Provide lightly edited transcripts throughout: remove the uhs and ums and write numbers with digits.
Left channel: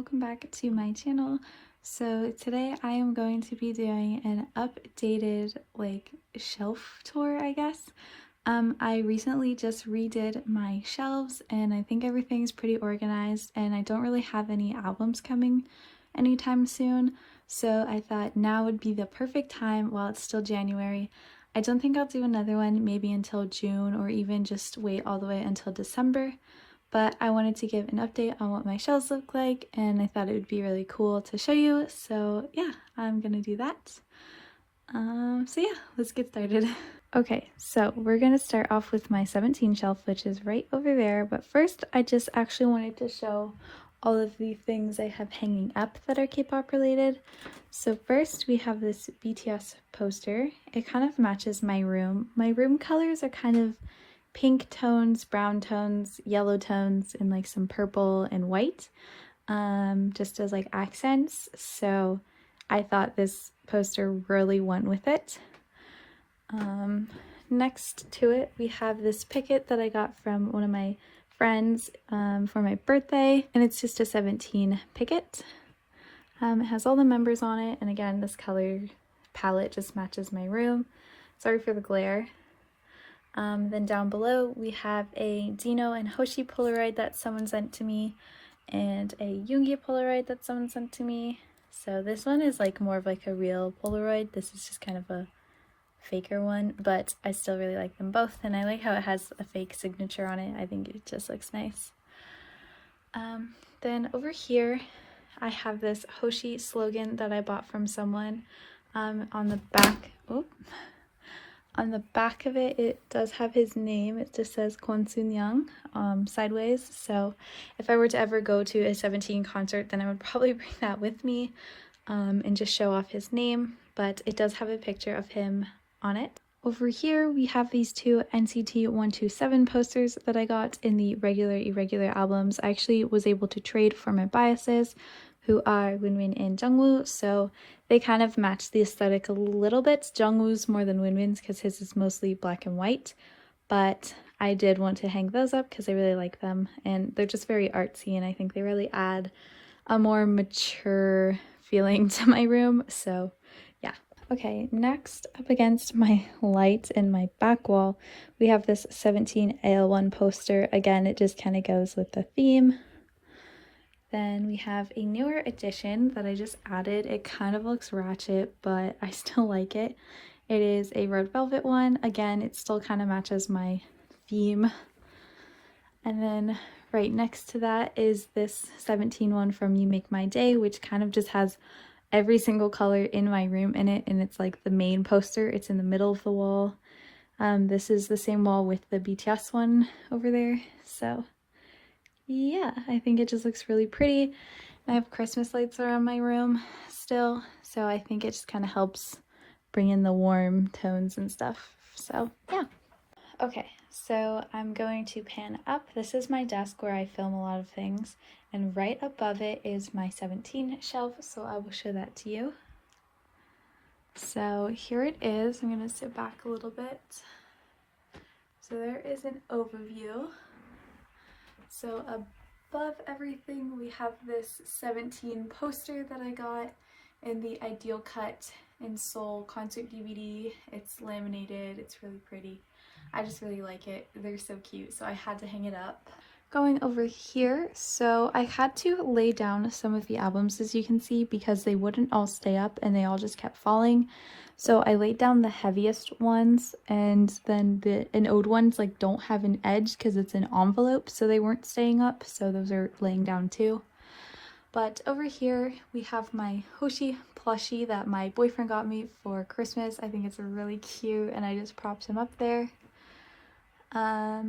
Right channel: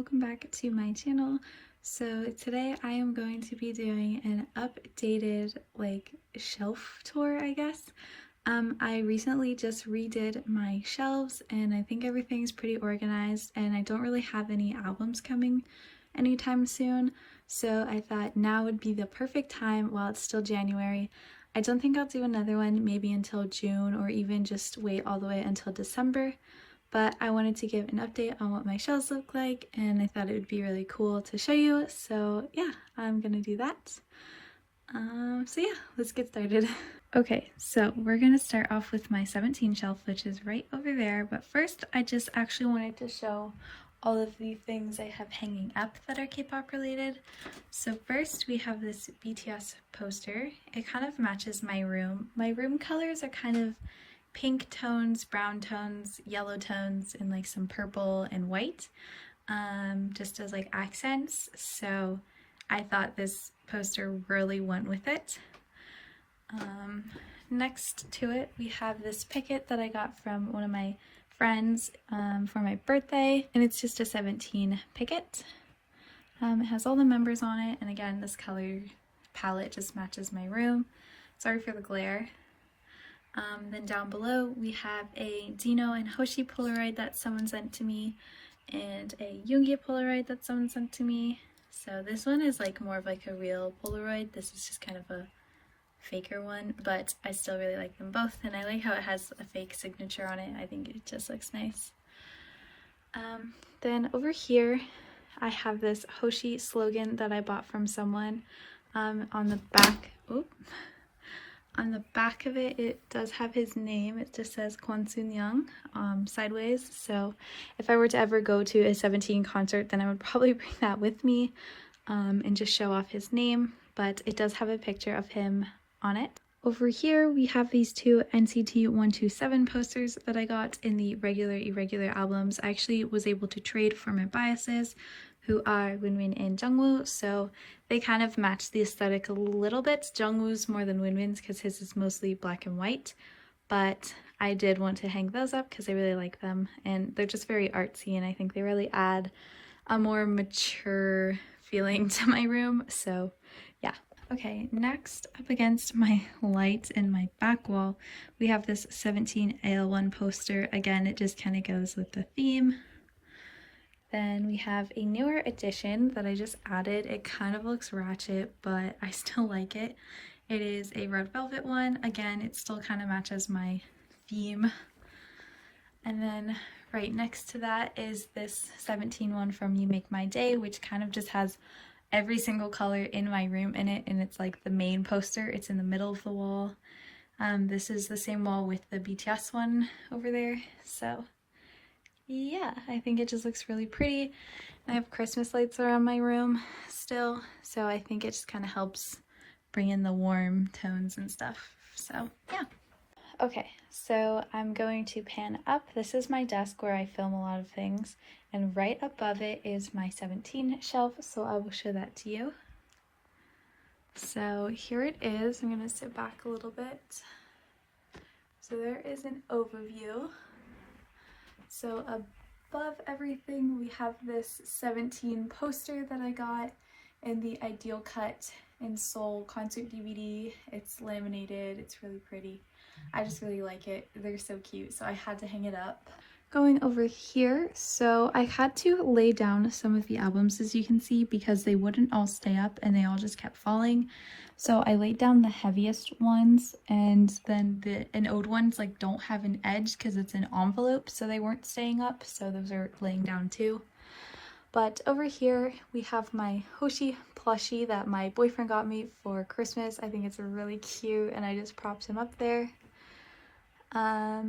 welcome back to my channel. So today I am going to be doing an updated shelf tour, I guess. I recently just redid my shelves and I think everything's pretty organized, and I don't really have any albums coming anytime soon, so I thought now would be the perfect time while it's still January. I don't think I'll do another one maybe until June, or even just wait all the way until December. But I wanted to give an update on what my shelves look like, and I thought it would be really cool to show you. So yeah, I'm gonna do that. So yeah, let's get started. Okay, so we're gonna start off with my 17 shelf, which is right over there. But first, I just actually wanted to show all of the things I have hanging up that are K-pop related. So first, we have this BTS poster. It kind of matches my room. My room colors are kind of pink tones, brown tones, yellow tones, and like some purple and white, just as like accents. So I thought this poster really went with it. Next to it, we have this picket that I got from one of my friends for my birthday, and it's just a 17 picket. It has all the members on it, and again, this color palette just matches my room. Sorry for the glare. Then down below we have a Dino and Hoshi Polaroid that someone sent to me, and a Yoongi Polaroid that someone sent to me. So this one is like more of like a real Polaroid. This is just kind of a faker one, but I still really like them both, and I like how it has a fake signature on it. I think it just looks nice. Then over here I have this Hoshi slogan that I bought from someone. On the back, on the back of it, it does have his name. It just says Kwon Soon Young sideways. So if I were to ever go to a 17 concert, then I would probably bring that with me and just show off his name. But it does have a picture of him on it. Over here, we have these two NCT 127 posters that I got in the regular irregular albums. I actually was able to trade for my biases, who are Winwin and Jungwoo, so they kind of match the aesthetic a little bit. Jungwoo's more than Winwin's because his is mostly black and white, but I did want to hang those up because I really like them, and they're just very artsy, and I think they really add a more mature feeling to my room, so yeah. Okay, next up against my light in my back wall, we have this 17 AL1 poster. Again, it just kind of goes with the theme. Then we have a newer edition that I just added. It kind of looks ratchet, but I still like it. It is a red velvet one. Again, it still kind of matches my theme. And then right next to that is this 17 one from You Make My Day, which kind of just has every single color in my room in it, and it's like the main poster. It's in the middle of the wall. This is the same wall with the BTS one over there. So yeah, I think it just looks really pretty. I have Christmas lights around my room still, so I think it just kind of helps bring in the warm tones and stuff. So yeah. Okay, so I'm going to pan up. This is my desk where I film a lot of things, and right above it is my 17 shelf, so I will show that to you. So here it is. I'm going to sit back a little bit. So there is an overview. So above everything, we have this 17 poster that I got in the Ideal Cut in Seoul concert DVD. It's laminated, it's really pretty. I just really like it. They're so cute, so I had to hang it up. Going over here, so I had to lay down some of the albums, as you can see, because they wouldn't all stay up and they all just kept falling. So I laid down the heaviest ones, and then the anode ones like don't have an edge because it's an envelope, so they weren't staying up, so those are laying down too. But over here we have my Hoshi plushie that my boyfriend got me for Christmas. I think it's really cute, and I just propped him up there. I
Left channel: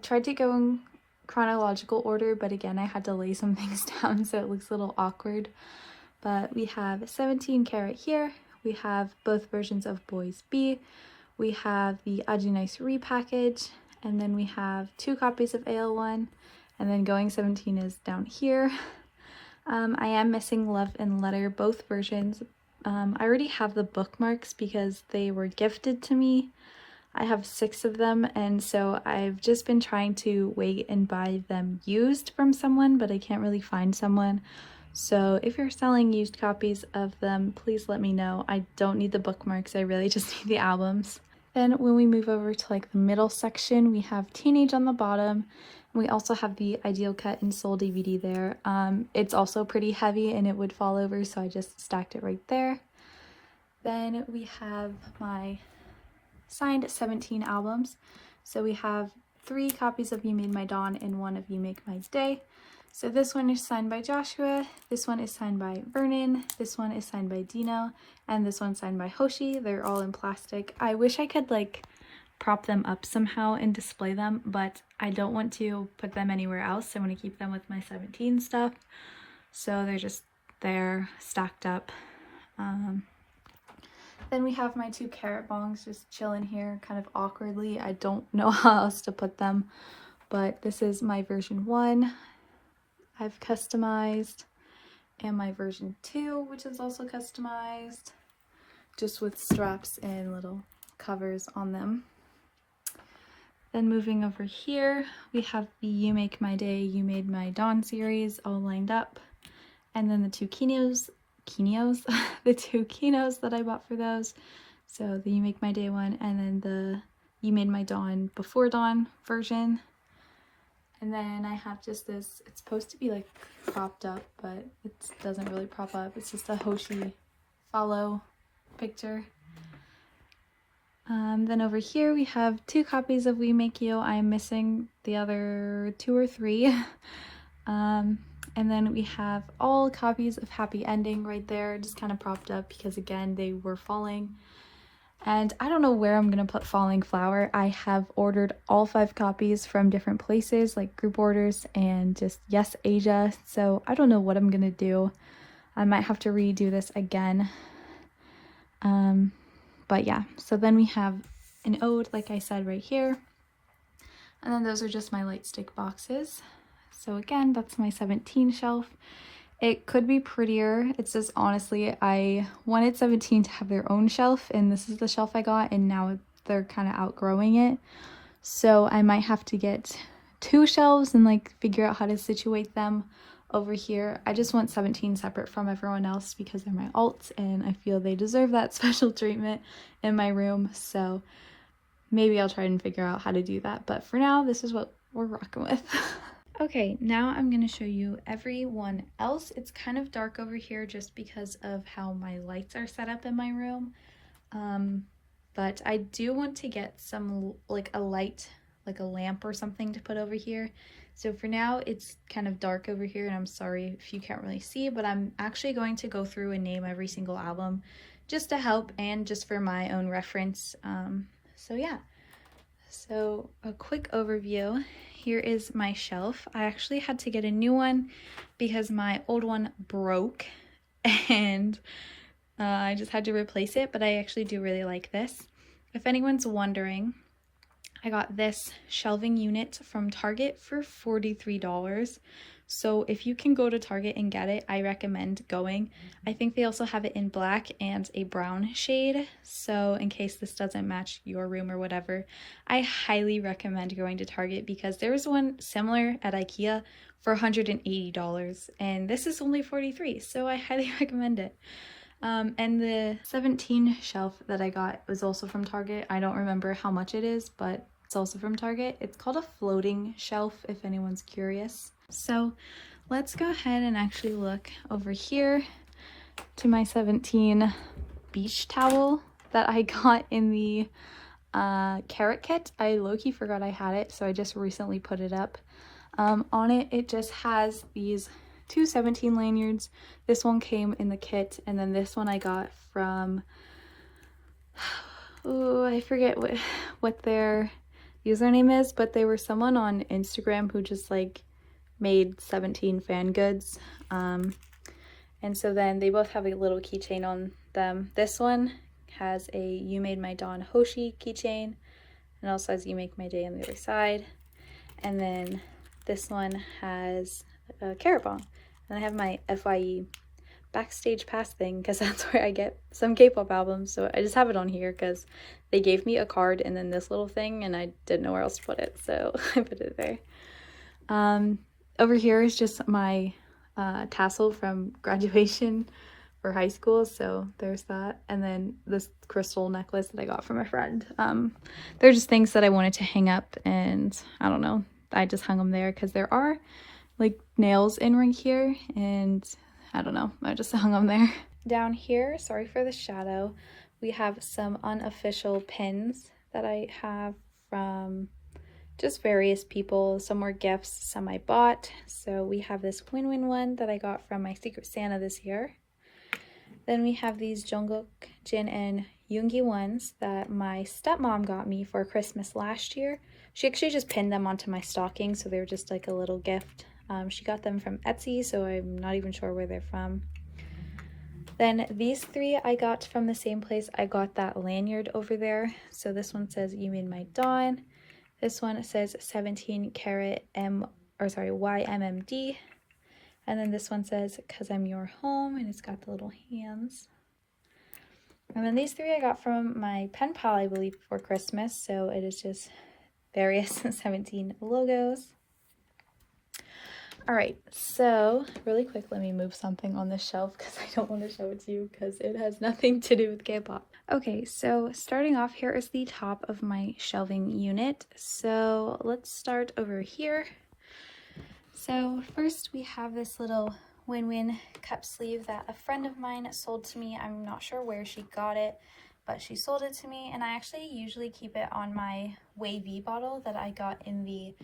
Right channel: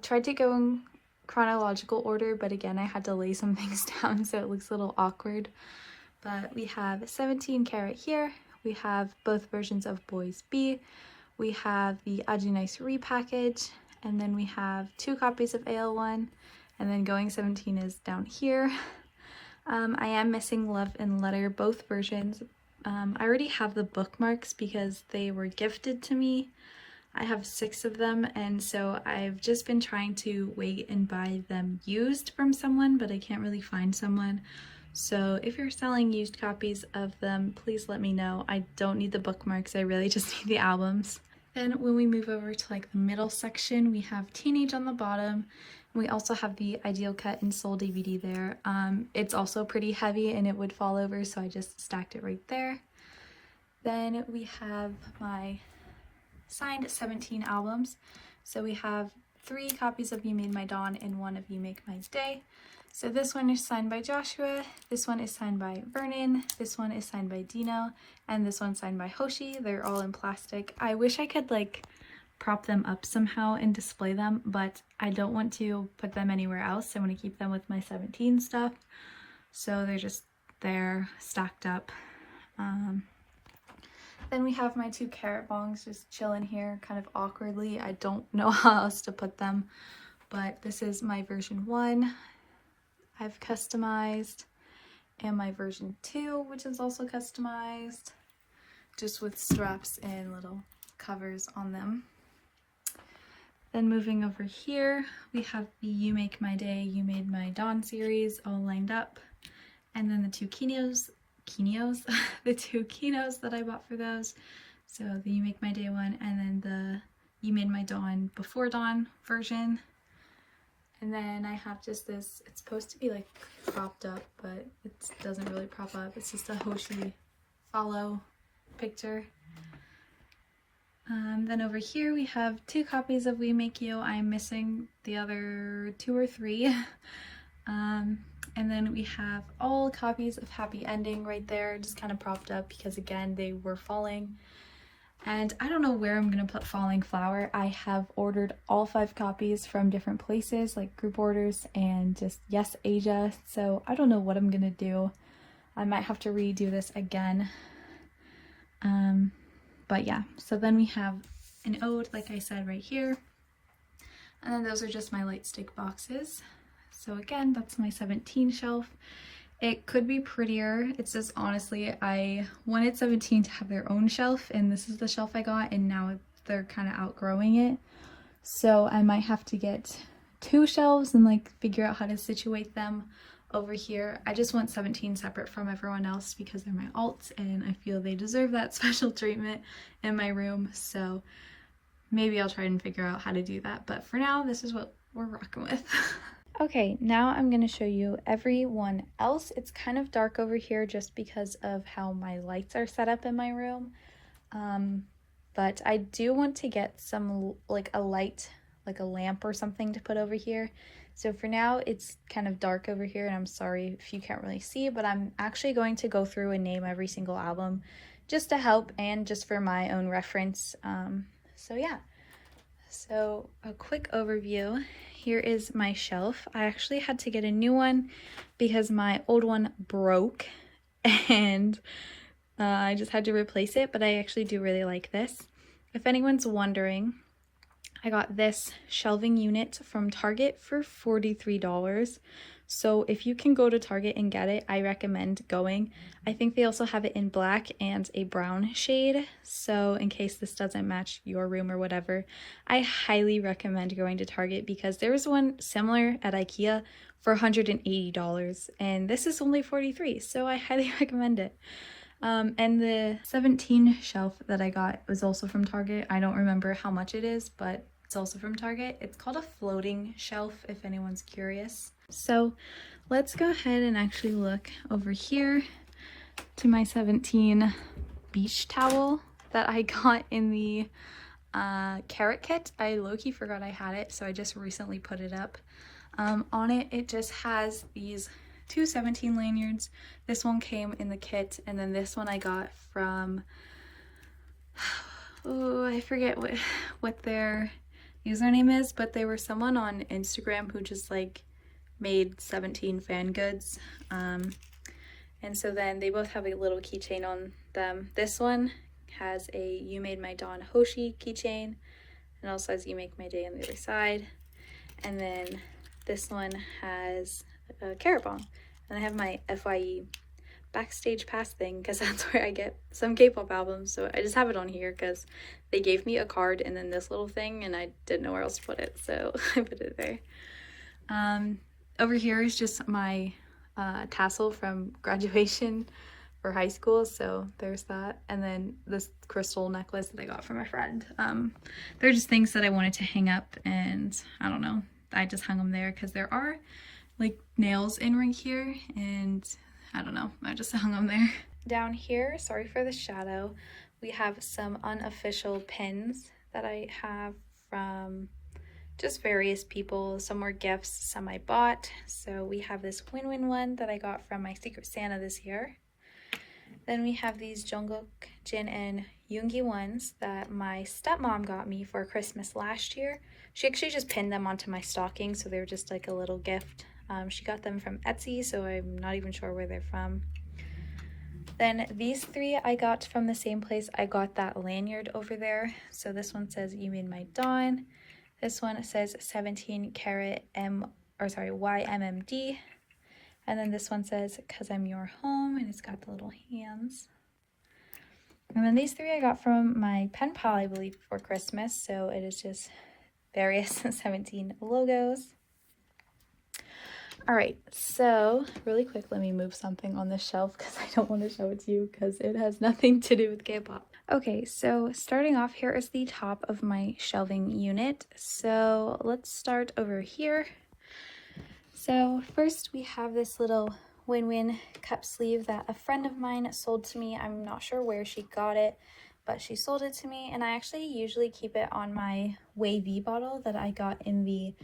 tried to go in chronological order, but again I had to lay some things down so it looks a little awkward. But we have 17 Carat here, we have both versions of Boys B, we have the Aju Nice repackage, and then we have 2 copies of AL1, and then Going 17 is down here. I am missing Love and Letter, both versions. I already have the bookmarks because they were gifted to me. I have 6 of them, and so I've just been trying to wait and buy them used from someone, but I can't really find someone. So if you're selling used copies of them, please let me know. I don't need the bookmarks, I really just need the albums. Then when we move over to like the middle section, we have Teenage on the bottom. We also have the Ideal Cut and Soul DVD there. It's also pretty heavy and it would fall over, so I just stacked it right there. Then we have my signed 17 albums. So we have 3 copies of You Made My Dawn and 1 of You Make My Day. So this one is signed by Joshua, this one is signed by Vernon, this one is signed by Dino, and this one's signed by Hoshi. They're all in plastic. I wish I could like prop them up somehow and display them, but I don't want to put them anywhere else. I want to keep them with my 17 stuff. So they're just there, stacked up. Then we have my 2 carrot bongs just chilling here kind of awkwardly. I don't know how else to put them, but this is my version 1 I've customized, and my version 2, which is also customized, just with straps and little covers on them. Then moving over here, we have the You Make My Day, You Made My Dawn series all lined up, and then the 2 the 2 Kinos that I bought for those. So the You Make My Day one, and then the You Made My Dawn Before Dawn version. And then I have just this, it's supposed to be like propped up, but it doesn't really prop up. It's just a Hoshi follow picture. Then over here we have 2 copies of We Make You. I am missing the other 2 or 3. And then we have all copies of Happy Ending right there, just kind of propped up because again, they were falling. And I don't know where I'm gonna put Falling Flower. I have ordered all 5 copies from different places, like group orders and just Yes Asia. So I don't know what I'm gonna do. I might have to redo this again. But yeah, so then we have an ode, like I said, right here. And then those are just my light stick boxes. So again, that's my 17 shelf. It could be prettier. It's just honestly, I wanted 17 to have their own shelf, and this is the shelf I got, and now they're kind of outgrowing it. So I might have to get 2 shelves and like figure out how to situate them over here. I just want 17 separate from everyone else because they're my alts, and I feel they deserve that special treatment in my room. So maybe I'll try and figure out how to do that. But for now, this is what we're rocking with. Okay, now I'm going to show you everyone else. It's kind of dark over here just because of how my lights are set up in my room. But I do want to get some, like a light, like a lamp or something to put over here. So for now, it's kind of dark over here, and I'm sorry if you can't really see, but I'm actually going to go through and name every single album just to help and just for my own reference. So yeah, so a quick overview. Here is my shelf. I actually had to get a new one because my old one broke and I just had to replace it, but I actually do really like this. If anyone's wondering, I got this shelving unit from Target for $43. So if you can go to Target and get it, I recommend going. I think they also have it in black and a brown shade. So in case this doesn't match your room or whatever, I highly recommend going to Target because there was one similar at IKEA for $180 and this is only $43. So I highly recommend it. And the 17 shelf that I got was also from Target. I don't remember how much it is, but it's also from Target. It's called a floating shelf if anyone's curious. So let's go ahead and actually look over here to my 17 beach towel that I got in the carrot kit. I low-key forgot I had it, so I just recently put it up. On it, it just has these 2 17 lanyards. This one came in the kit, and then this one I got from, oh, I forget what their username is, but they were someone on Instagram who just like made 17 fan goods. And so then they both have a little keychain on them. This one has a You Made My Dawn Hoshi keychain, and also has You Make My Day on the other side. And then this one has a carrot bomb. And I have my FYE backstage pass thing because that's where I get some K-pop albums. So I just have it on here because they gave me a card and then this little thing, and I didn't know where else to put it, so I put it there. Over here is just my tassel from graduation for high school, so there's that. And then this crystal necklace that I got from a friend. They're just things that I wanted to hang up, and I don't know, I just hung them there because there are like nails in right here, and I don't know, I just hung them there. Down here, sorry for the shadow, we have some unofficial pins that I have from just various people. Some were gifts, some I bought. So we have this win-win one that I got from my Secret Santa this year. Then we have these Jungkook, Jin, and Yoongi ones that my stepmom got me for Christmas last year. She actually just pinned them onto my stocking, so they were just like a little gift. She got them from Etsy, so I'm not even sure where they're from. Then these three I got from the same place I got that lanyard over there. So this one says, "You made my dawn." This one says 17 karat YMMD. And then this one says, "Cause I'm your home," and it's got the little hands. And then these three I got from my pen pal, I believe, for Christmas. So it is just various 17 logos. All right, so really quick, let me move something on this shelf because I don't want to show it to you because it has nothing to do with K-pop. Okay, so starting off, here is the top of my shelving unit. So let's start over here. So first we have this little win-win cup sleeve that a friend of mine sold to me. I'm not sure where she got it, but she sold it to me, and I actually usually keep it on my WayV bottle that I got in the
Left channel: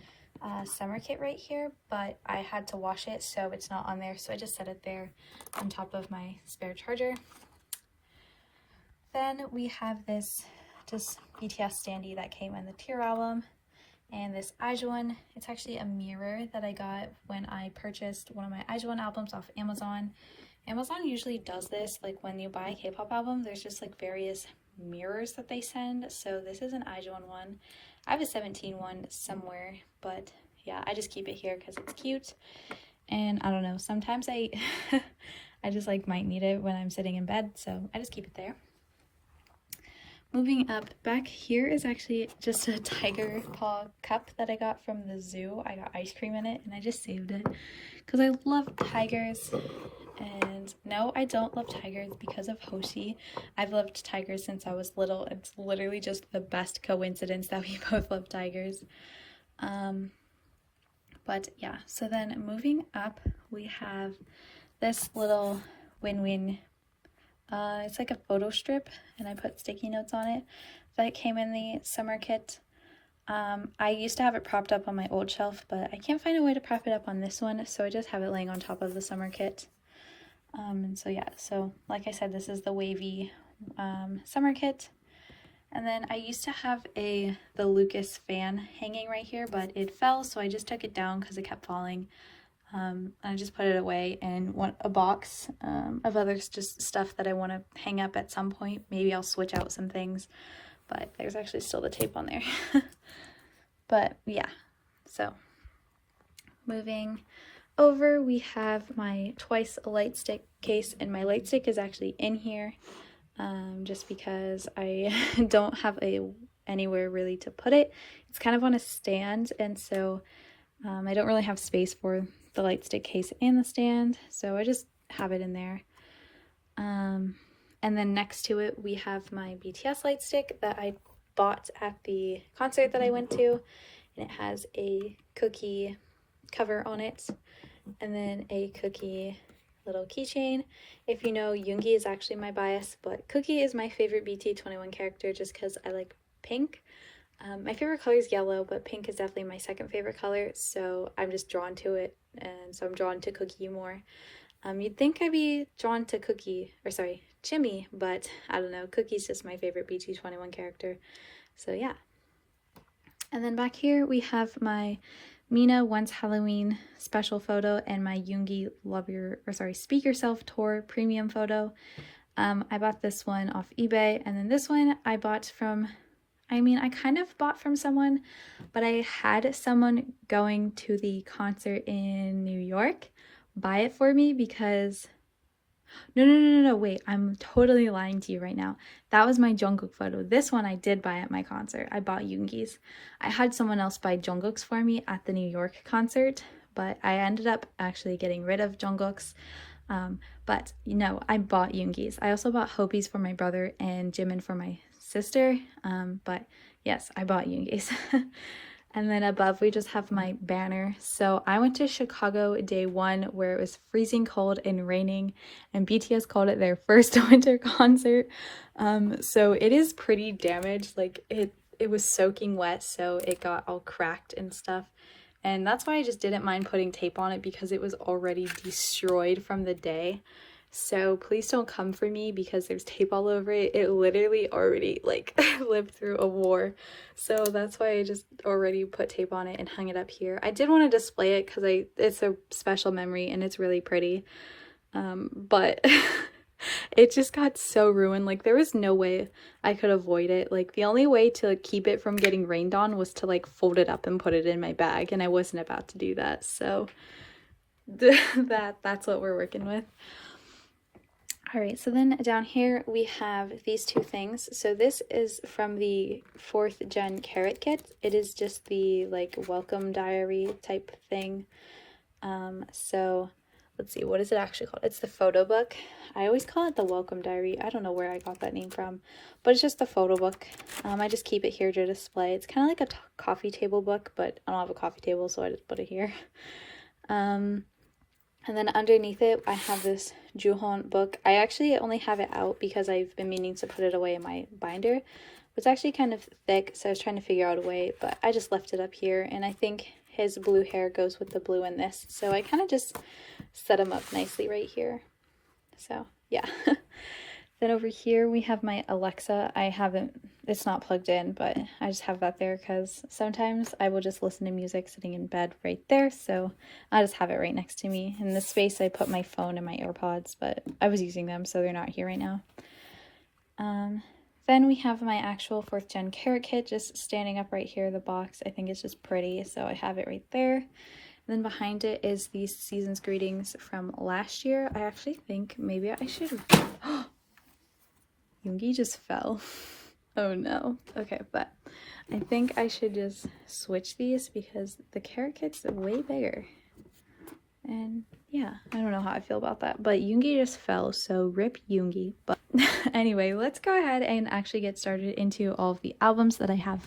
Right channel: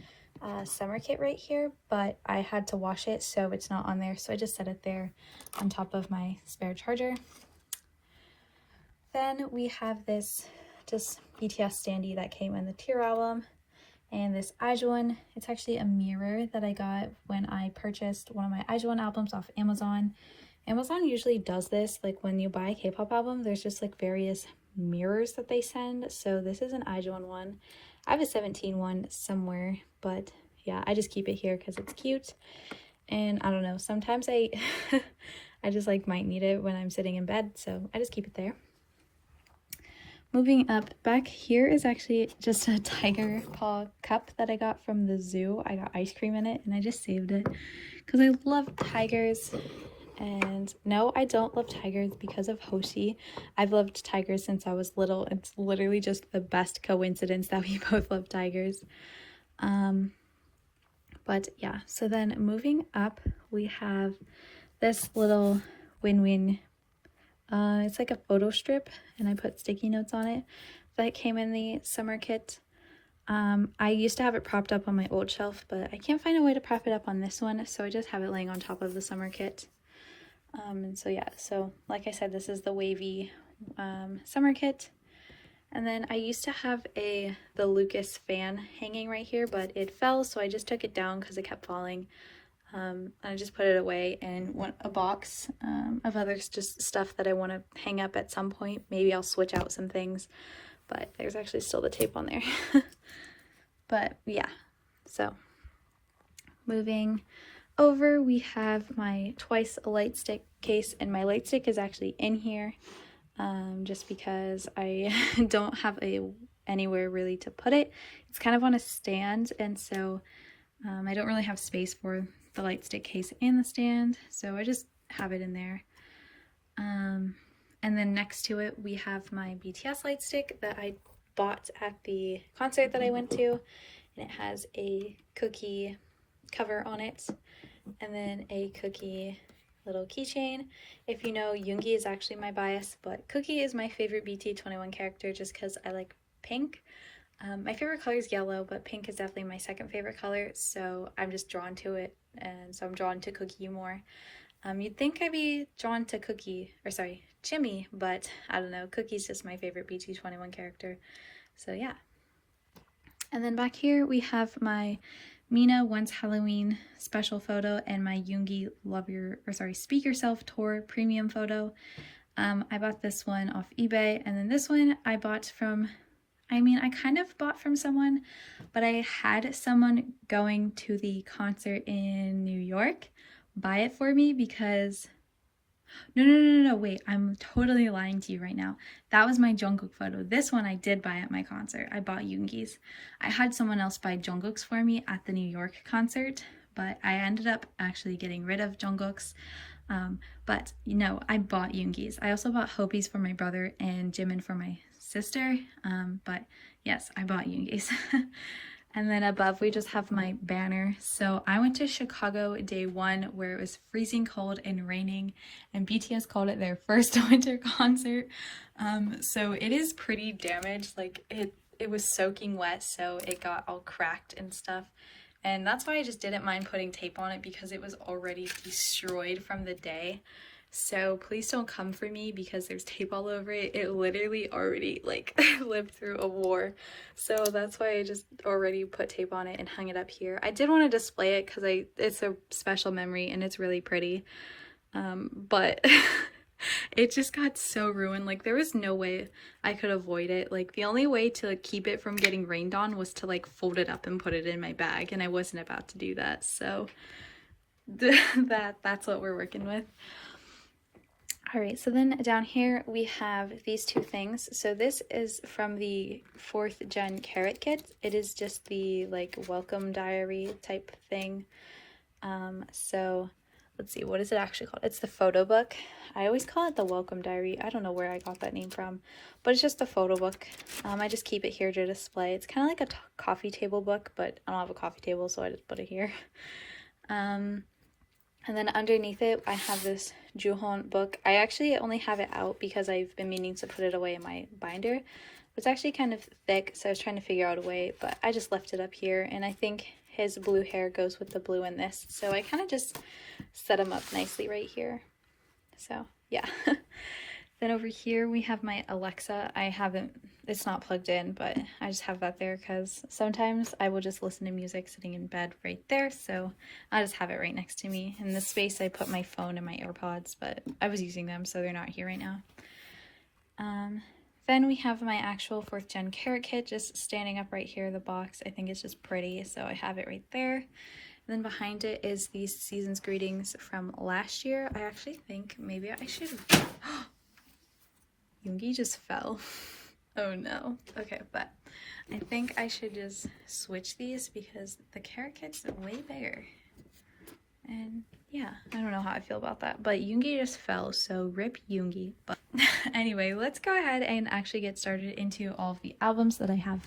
summer kit right here, but I had to wash it, so it's not on there, so I just set it there on top of my spare charger. Then we have this just BTS standee that came in the Tear album, and this IZONE. It's actually a mirror that I got when I purchased one of my IZONE albums off Amazon. Amazon usually does this, like when you buy a K-pop album, there's just like various mirrors that they send. So this is an IZONE one. I have a 17 one somewhere, but yeah, I just keep it here because it's cute. And I don't know, sometimes I just like might need it when I'm sitting in bed, so I just keep it there. Moving up, back here is actually just a tiger paw cup that I got from the zoo. I got ice cream in it, and I just saved it because I love tigers. And no, I don't love tigers because of Hoshi. I've loved tigers since I was little. It's literally just the best coincidence that we both love tigers. But yeah, so then moving up, we have this little win-win. It's like a photo strip, and I put sticky notes on it. That came in the summer kit. I used to have it propped up on my old shelf, but I can't find a way to prop it up on this one, so I just have it laying on top of the summer kit. And so yeah, so like I said, this is the WayV summer kit. And then I used to have the Lucas fan hanging right here, but it fell, so I just took it down because it kept falling. I just put it away and want a box of other just stuff that I want to hang up at some point. Maybe I'll switch out some things, but there's actually still the tape on there. But yeah, so moving over, we have my Twice light stick case, and my light stick is actually in here just because I don't have anywhere really to put it. It's kind of on a stand, and so I don't really have space for the light stick case and the stand, so I just have it in there. And then next to it we have my BTS light stick that I bought at the concert that I went to, and it has a cookie cover on it, and then a cookie little keychain. If you know, Yoongi is actually my bias, but Cookie is my favorite BT21 character just because I like pink. My favorite color is yellow, but pink is definitely my second favorite color, so I'm just drawn to it, and so I'm drawn to Cookie more. You'd think I'd be drawn to Jimmy, but I don't know, Cookie's just my favorite BT21 character, so yeah. And then back here we have my Mina Once Halloween special photo and my Yoongi Speak Yourself tour premium photo. I bought this one off eBay, and then this one I bought from, I kind of bought from someone, but I had someone going to the concert in New York buy it for me because No, wait, I'm totally lying to you right now. That was my Jungkook photo. This one I did buy at my concert. I bought Yoongi's. I had someone else buy Jungkook's for me at the New York concert, but I ended up actually getting rid of Jungkook's. But you know, I bought Yoongi's. I also bought Hopi's for my brother and Jimin for my sister. But yes, I bought Yoongi's. And then above we just have my banner. So I went to Chicago day one where it was freezing cold and raining, and BTS called it their first winter concert. So it is pretty damaged. Like it was soaking wet, so it got all cracked and stuff. And that's why I just didn't mind putting tape on it, because it was already destroyed from the day. So please don't come for me because there's tape all over it. It literally already like lived through a war. So that's why I just already put tape on it and hung it up here. I did want to display it because it's a special memory and it's really pretty. But it just got so ruined. Like there was no way I could avoid it. Like the only way to keep it from getting rained on was to like fold it up and put it in my bag, and I wasn't about to do that. So that's what we're working with. Alright, so then down here we have these two things. So this is from the 4th Gen Carrot Kit. It is just the like welcome diary type thing. So let's see, what is it actually called? It's the photo book. I always call it the welcome diary. I don't know where I got that name from, but it's just the photo book. I just keep it here to display. It's kind of like a coffee table book, but I don't have a coffee table, so I just put it here. And then underneath it, I have this Juhon book. I actually only have it out because I've been meaning to put it away in my binder. It's actually kind of thick, so I was trying to figure out a way, but I just left it up here. And I think his blue hair goes with the blue in this, so I kind of just set him up nicely right here. So, yeah. Then over here we have my Alexa. It's not plugged in, but I just have that there because sometimes I will just listen to music sitting in bed right there. So I just have it right next to me. In this space I put my phone and my AirPods, but I was using them, so they're not here right now. Then we have my actual 4th Gen Carrot Kit just standing up right here in the box. I think it's just pretty, so I have it right there. And then behind it is these Season's Greetings from last year. I actually think maybe I should have... Yoongi just fell. Oh no. Okay, but I think I should just switch these because the Carrot Kit's way bigger. And yeah, I don't know how I feel about that. But Yoongi just fell, so rip Yoongi. But anyway, let's go ahead and actually get started into all of the albums that I have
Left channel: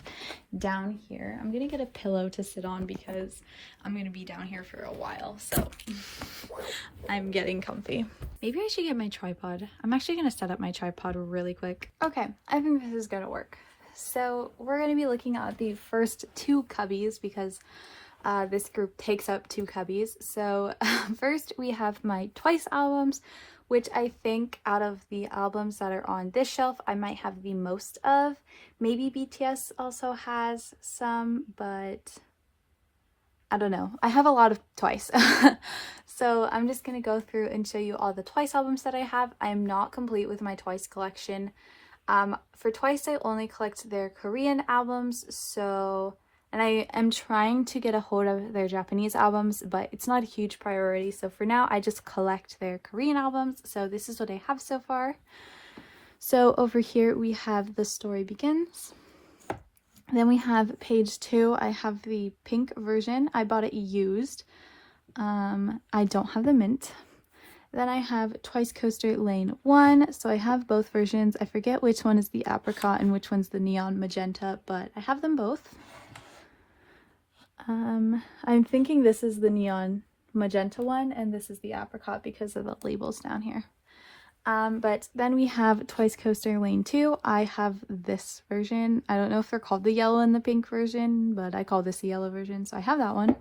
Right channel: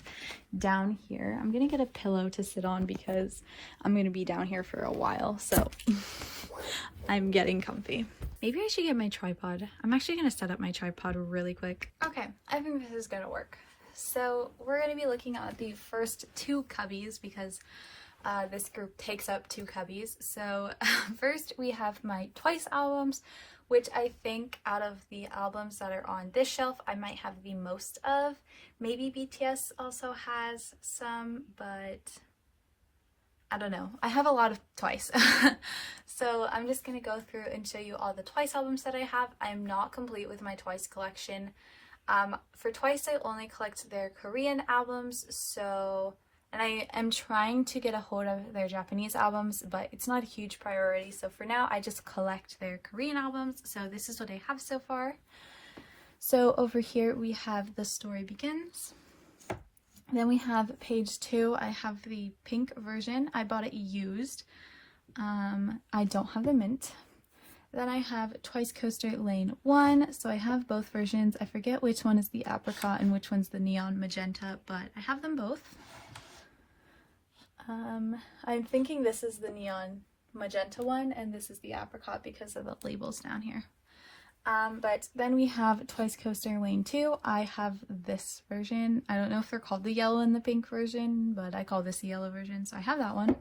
down here. I'm gonna get a pillow to sit on because I'm gonna be down here for a while, so I'm getting comfy. Maybe I should get my tripod. I'm actually gonna set up my tripod really quick. Okay, I think this is gonna work. So we're gonna be looking at the first 2 cubbies because this group takes up 2 cubbies. So first we have my Twice albums, which I think out of the albums that are on this shelf, I might have the most of. Maybe BTS also has some, but I don't know. I have a lot of Twice. So I'm just going to go through and show you all the Twice albums that I have. I am not complete with my Twice collection. For Twice, I only collect their Korean albums, and I am trying to get a hold of their Japanese albums, but it's not a huge priority. So for now, I just collect their Korean albums. So this is what I have so far. So over here, we have The Story Begins. Then we have page 2. I have the pink version. I bought it used. I don't have the mint. Then I have Twice Coaster Lane 1. So I have both versions. I forget which one is the apricot and which one's the neon magenta, but I have them both. I'm thinking this is the neon magenta one and this is the apricot because of the labels down here. But then we have Twice Coaster Lane 2. I have this version. I don't know if they're called the yellow and the pink version, but I call this the yellow version, so I have that one.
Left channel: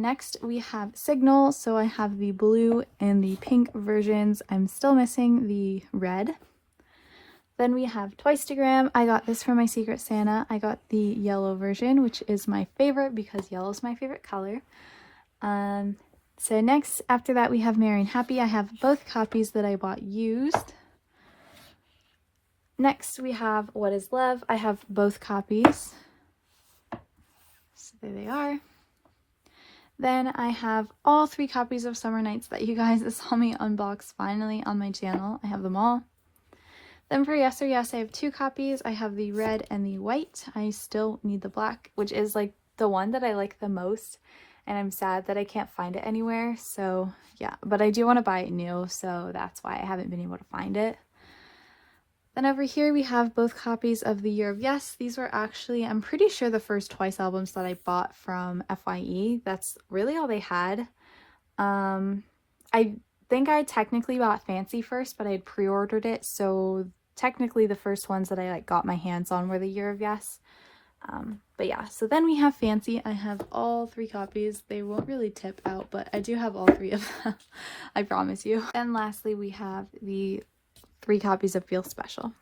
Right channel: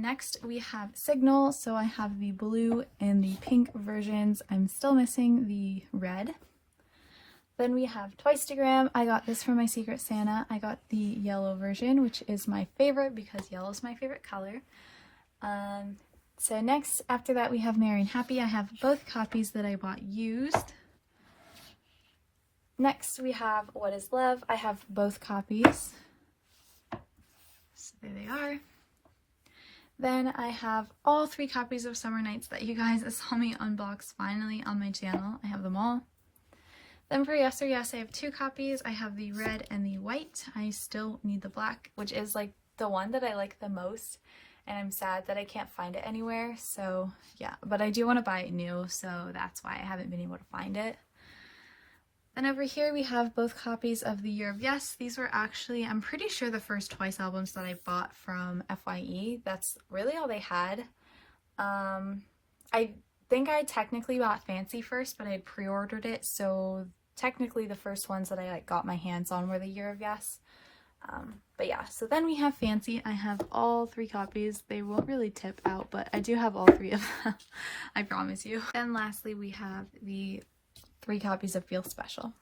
Next we have Signal. So I have the blue and the pink versions. I'm still missing the red. Then we have Twicegram. I got this from my Secret Santa. I got the yellow version, which is my favorite because yellow is my favorite color. So next, after that, we have Merry and Happy. I have both copies that I bought used. Next, we have What is Love. I have both copies. So there they are. Then I have all 3 copies of Summer Nights that you guys saw me unbox finally on my channel. I have them all. Then for Yes or Yes, I have 2 copies. I have the red and the white. I still need the black, which is like the one that I like the most. And I'm sad that I can't find it anywhere. So yeah, but I do want to buy it new. So that's why I haven't been able to find it. Then over here we have both copies of The Year of Yes. These were actually, I'm pretty sure, the first Twice albums that I bought from FYE. That's really all they had. I think I technically bought Fancy first, but I had pre-ordered it, so technically the first ones that I got my hands on were The Year of Yes. But yeah, so then we have Fancy. I have all 3 copies. They won't really tip out, but I do have all 3 of them. I promise you. And lastly, we have the 3 copies of Feel Special.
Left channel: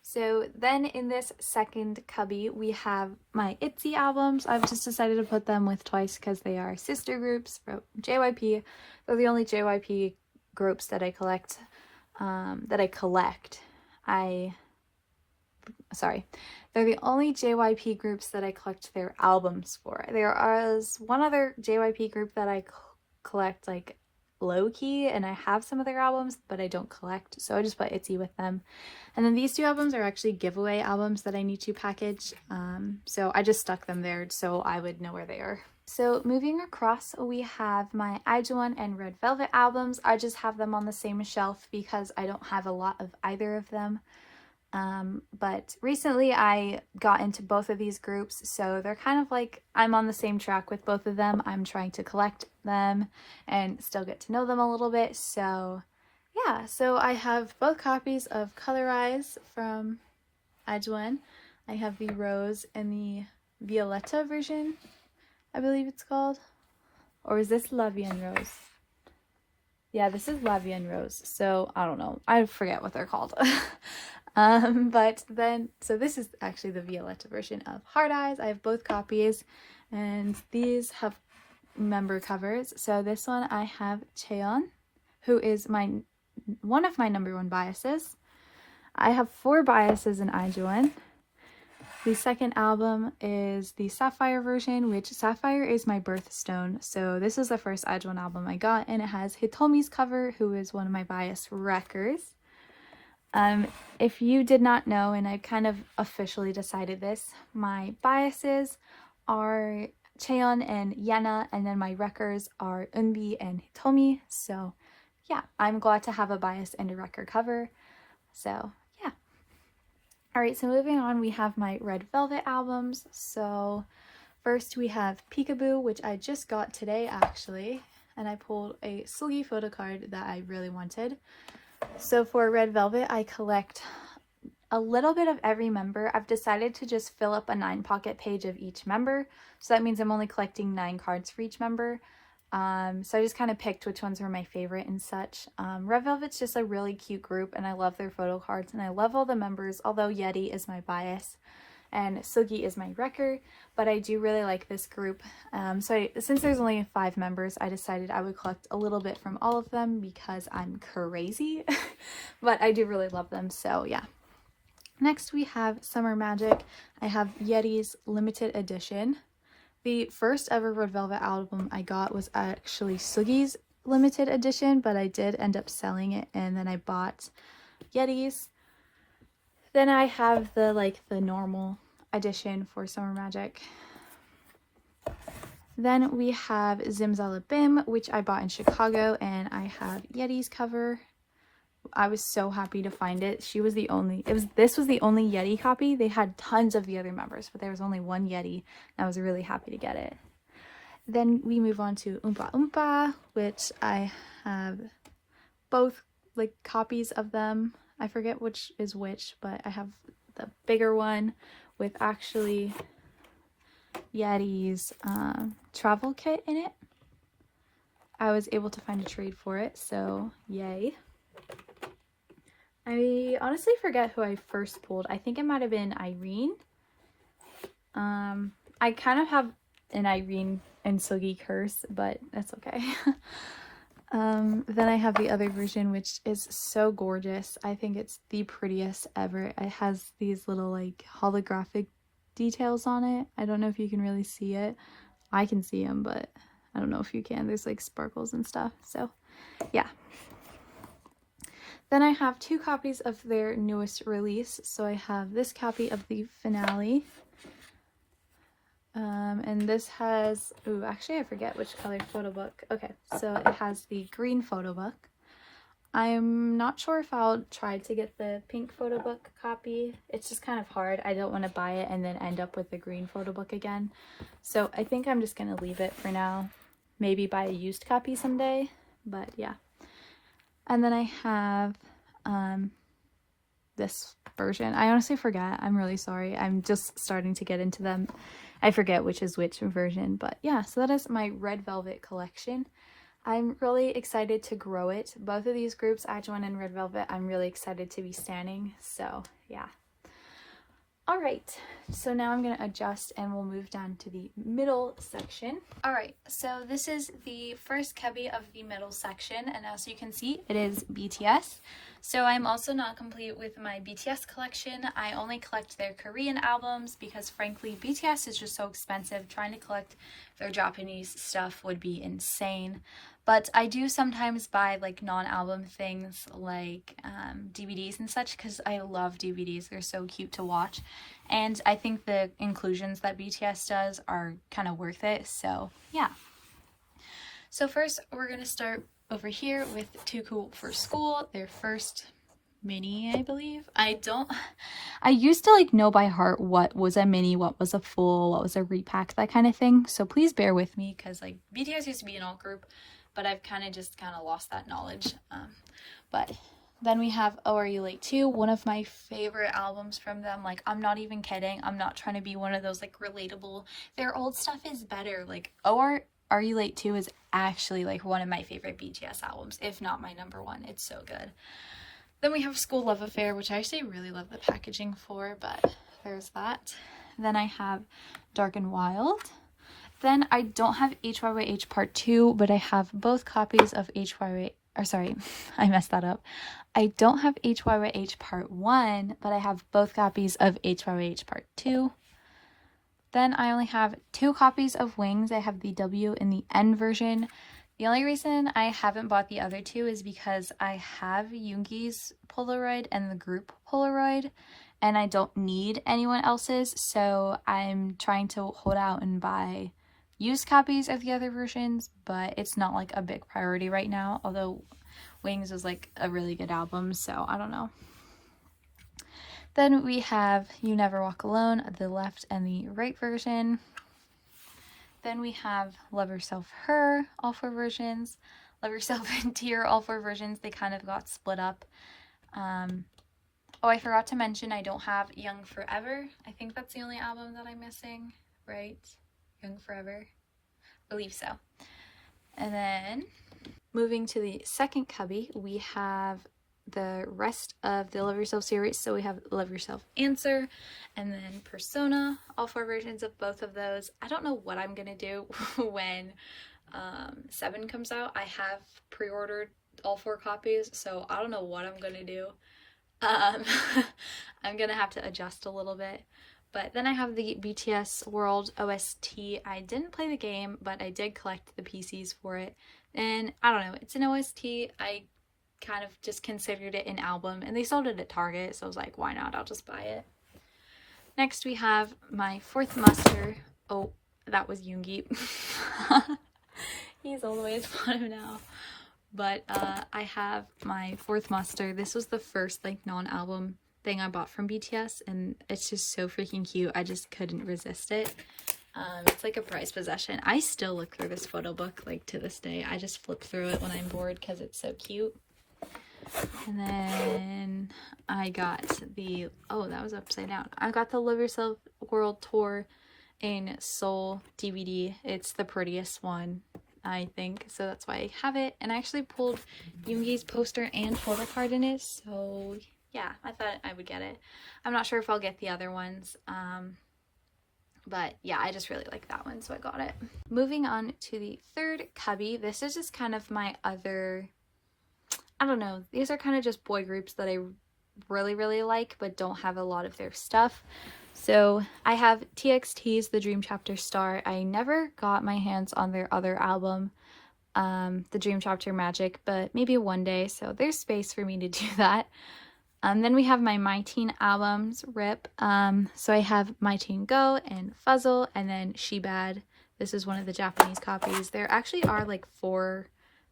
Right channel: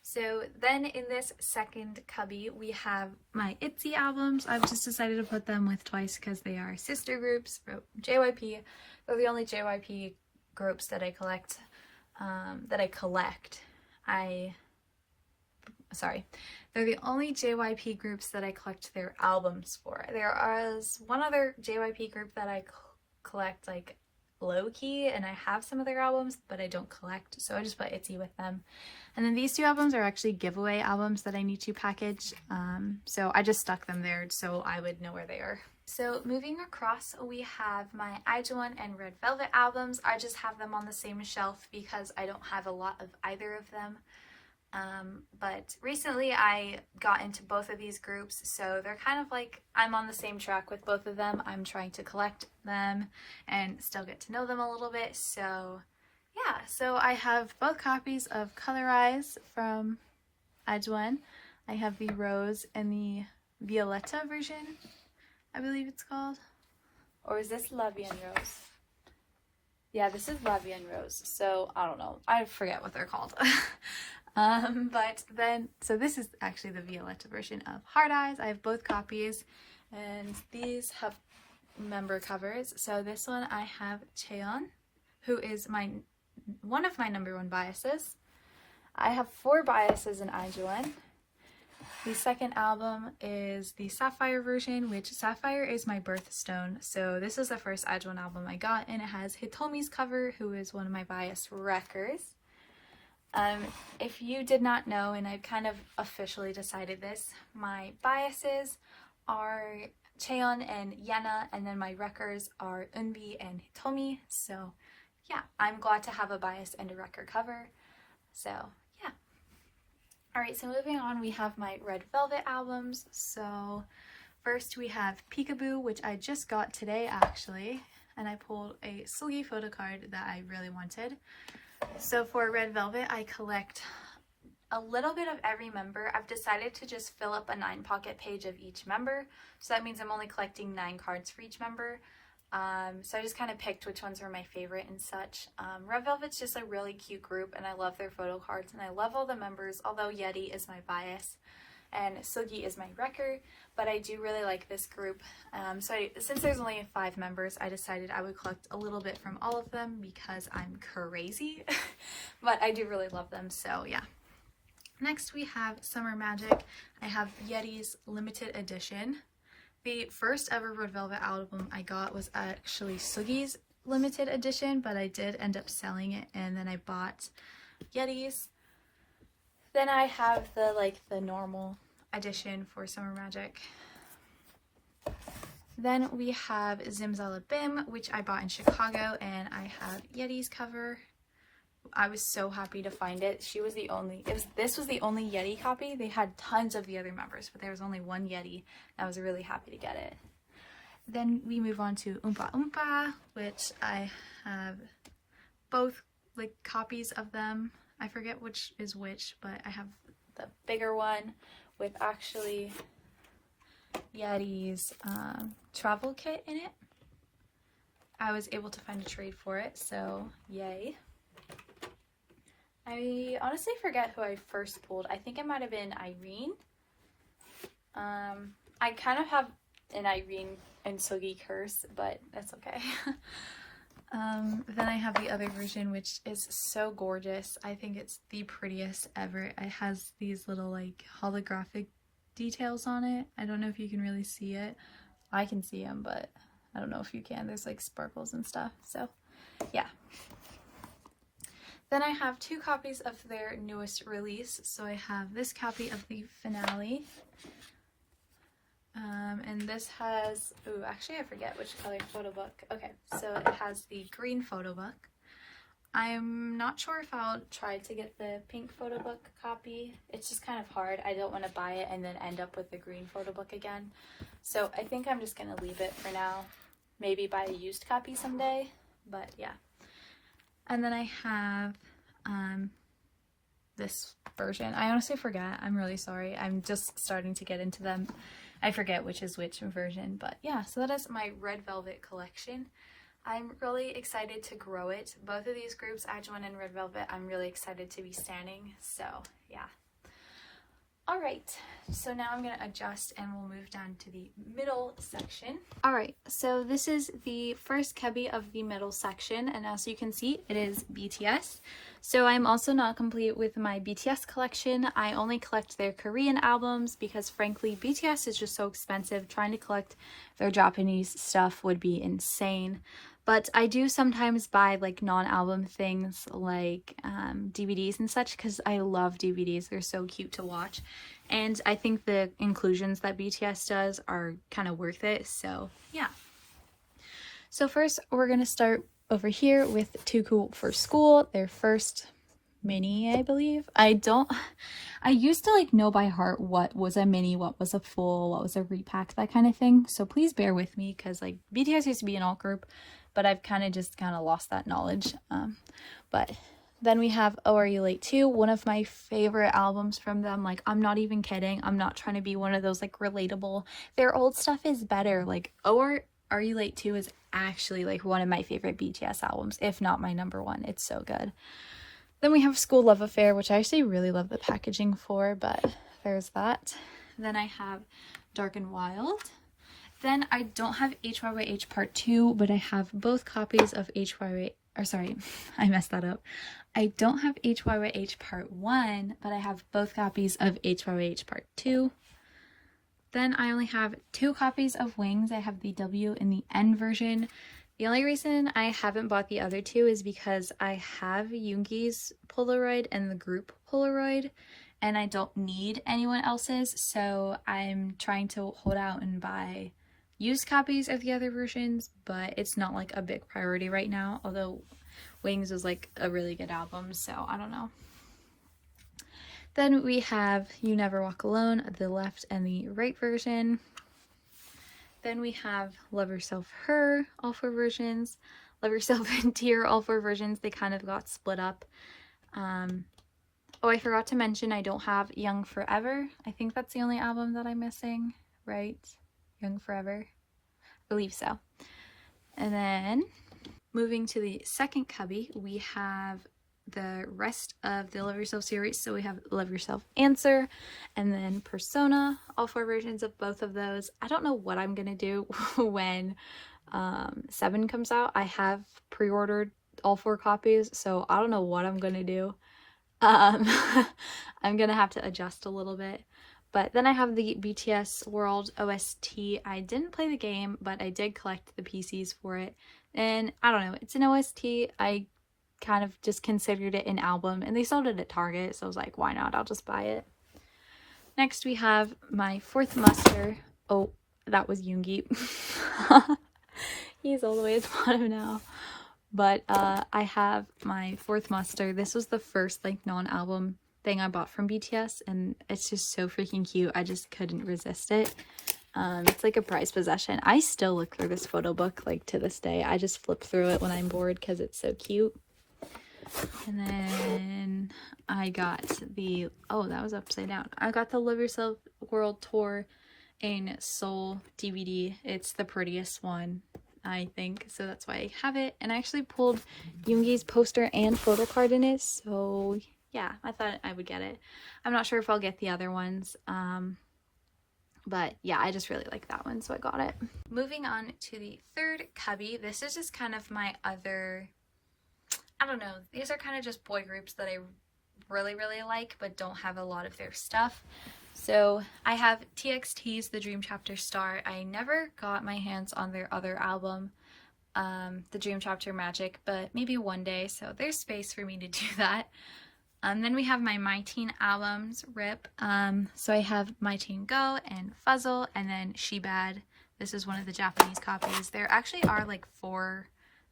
So then in this second cubby, we have my ITZY albums. I've just decided to put them with Twice because they are sister groups from JYP. They're the only JYP groups that I collect. They're the only JYP groups that I collect their albums for. There is one other JYP group that I collect like low-key, and I have some of their albums, but I don't collect, so I just put ITZY with them. And then these 2 albums are actually giveaway albums that I need to package, so I just stuck them there so I would know where they are. So moving across, we have my IZONE and Red Velvet albums. I just have them on the same shelf because I don't have a lot of either of them. But recently I got into both of these groups, so they're kind of like I'm on the same track with both of them. I'm trying to collect them and still get to know them a little bit. So yeah, so I have both copies of Colorize from IZONE. I have the Rose and the Violetta version, I believe it's called. Or is this La Vie en Rose? Yeah, this is La Vie en Rose. So I don't know. I forget what they're called. But then, so this is actually the Violetta version of Hard Eyes. I have both copies, and these have member covers. So this one I have Cheon, who is one of my #1 biases. I have 4 biases in IZONE. The second album is the Sapphire version, which Sapphire is my birthstone. So this is the first IZONE album I got, and it has Hitomi's cover, who is one of my bias wreckers. If you did not know, and I've kind of officially decided this, my biases are Cheon and Yena, and then my wreckers are Eunbi and Hitomi. So yeah, I'm glad to have a bias and a wrecker cover. So yeah. Alright, so moving on, we have my Red Velvet albums. So first we have Peekaboo, which I just got today actually, and I pulled a Sugi photo card that I really wanted. So for Red Velvet, I collect a little bit of every member. I've decided to just fill up a 9-pocket page of each member. So that means I'm only collecting 9 cards for each member. So I just kind of picked which ones were my favorite and such. Red Velvet's just a really cute group, and I love their photo cards, and I love all the members, although Yeti is my bias and Sugi is my wrecker, but I do really like this group. Since there's only 5 members, I decided I would collect a little bit from all of them because I'm crazy, but I do really love them, so yeah. Next we have Summer Magic. I have Yeti's limited edition. The first ever Red Velvet album I got was actually Sugi's limited edition, but I did end up selling it, and then I bought Yeti's. Then I have the normal edition for Summer Magic. Then we have Zimzalabim, which I bought in Chicago, and I have Yeti's cover. I was so happy to find it. This was the only Yeti copy. They had tons of the other members, but there was only one Yeti, and I was really happy to get it. Then we move on to Oompa Oompa, which I have both copies of them. I forget which is which, but I have the bigger one with actually Yeti's travel kit in it. I was able to find a trade for it, so yay. I honestly forget who I first pulled. I think it might have been Irene. I kind of have an Irene and Sugi curse, but that's okay. Then I have the other version, which is so gorgeous. I think it's the prettiest ever. It has these little holographic details on it. I don't know if you can really see it. I can see them, but I don't know if you can. There's like sparkles and stuff. So yeah. Then I have 2 copies of their newest release. So I have this copy of the finale. And this has, ooh, actually I forget which color photo book. Okay, so it has the green photo book. I'm not sure if I'll try to get the pink photo book copy. It's just kind of hard. I don't want to buy it and then end up with the green photo book again. So I think I'm just going to leave it for now. Maybe buy a used copy someday, but yeah. And then I have this version. I honestly forgot. I'm really sorry. I'm just starting to get into them. I forget which is which version, but yeah, so that is my Red Velvet collection. I'm really excited to grow it. Both of these groups, IZONE and Red Velvet, I'm really excited to be standing, so yeah. Alright, so now I'm going to adjust and we'll move down to the middle section. Alright, so this is the first cubby of the middle section, and as you can see, it is BTS. So I'm also not complete with my BTS collection. I only collect their Korean albums because frankly, BTS is just so expensive. Trying to collect their Japanese stuff would be insane. But I do sometimes buy like non-album things like DVDs and such because I love DVDs. They're so cute to watch. And I think the inclusions that BTS does are kind of worth it. So yeah. So first we're going to start over here with Too Cool for School. Their first mini, I believe. I used to like know by heart what was a mini, what was a full, what was a repack, that kind of thing. So please bear with me because like BTS used to be an alt group. But I've kind of lost that knowledge. But then we have Oh Are You Late Too, one of my favorite albums from them. Like, I'm not even kidding. I'm not trying to be one of those like relatable. Their old stuff is better. Like Are You Late Too is actually like one of my favorite BTS albums, if not my #1. It's so good. Then we have School Love Affair, which I actually really love the packaging for, but there's that. Then I have Dark and Wild. Then I don't have HYYH Part 2, but I have both copies of HYY, or sorry, I messed that up. I don't have HYYH Part 1, but I have both copies of HYYH Part 2. Then I only have 2 copies of Wings. I have the W and the N version. The only reason I haven't bought the other 2 is because I have Yoongi's Polaroid and the group Polaroid, and I don't need anyone else's, so I'm trying to hold out and buy used copies of the other versions, but it's not like a big priority right now, although Wings was like a really good album, so I don't know. Then we have You Never Walk Alone, the left and the right version. Then we have Love Yourself Her, all 4 versions. Love Yourself and Tear, all 4 versions. They kind of got split up. Oh, I forgot to mention I don't have Young Forever. I think that's the only album that I'm missing, right? Young Forever, I believe so. And then moving to the second cubby, we have the rest of the Love Yourself series. So we have Love Yourself Answer, and then Persona, all 4 versions of both of those. I don't know what I'm gonna do when 7 comes out. I have pre-ordered all 4 copies, so I don't know what I'm gonna do. I'm gonna have to adjust a little bit. But then I have the BTS World OST. I didn't play the game, but I did collect the PCs for it. And I don't know, it's an OST. I kind of just considered it an album, and they sold it at Target, so I was like, why not? I'll just buy it. Next we have my fourth muster. Oh, that was Yoongi. He's all the way at the bottom now. But I have my fourth muster. This was the first like non-album thing I bought from BTS, and it's just so freaking cute. I just couldn't resist it. It's like a prized possession. I still look through this photo book like to this day. I just flip through it when I'm bored because it's so cute. And then I got the, oh, that was upside down. I got the Love Yourself World Tour in Seoul DVD. It's the prettiest one, I think, so that's why I have it. And I actually pulled Yoongi's poster and photo card in it, so yeah, I thought I would get it. I'm not sure if I'll get the other ones, but yeah, I just really like that one, so I got it. Moving on to the third cubby. This is just kind of my other, I don't know, these are kind of just boy groups that I really like but don't have a lot of their stuff. So I have TXT's The Dream Chapter Star. I never got my hands on their other album, The Dream Chapter Magic, but maybe one day, so there's space for me to do that. Then we have my Teen albums, RIP. So I have My Teen Go and Fuzzle, and then She Bad. This is one of the Japanese copies. There actually are like 3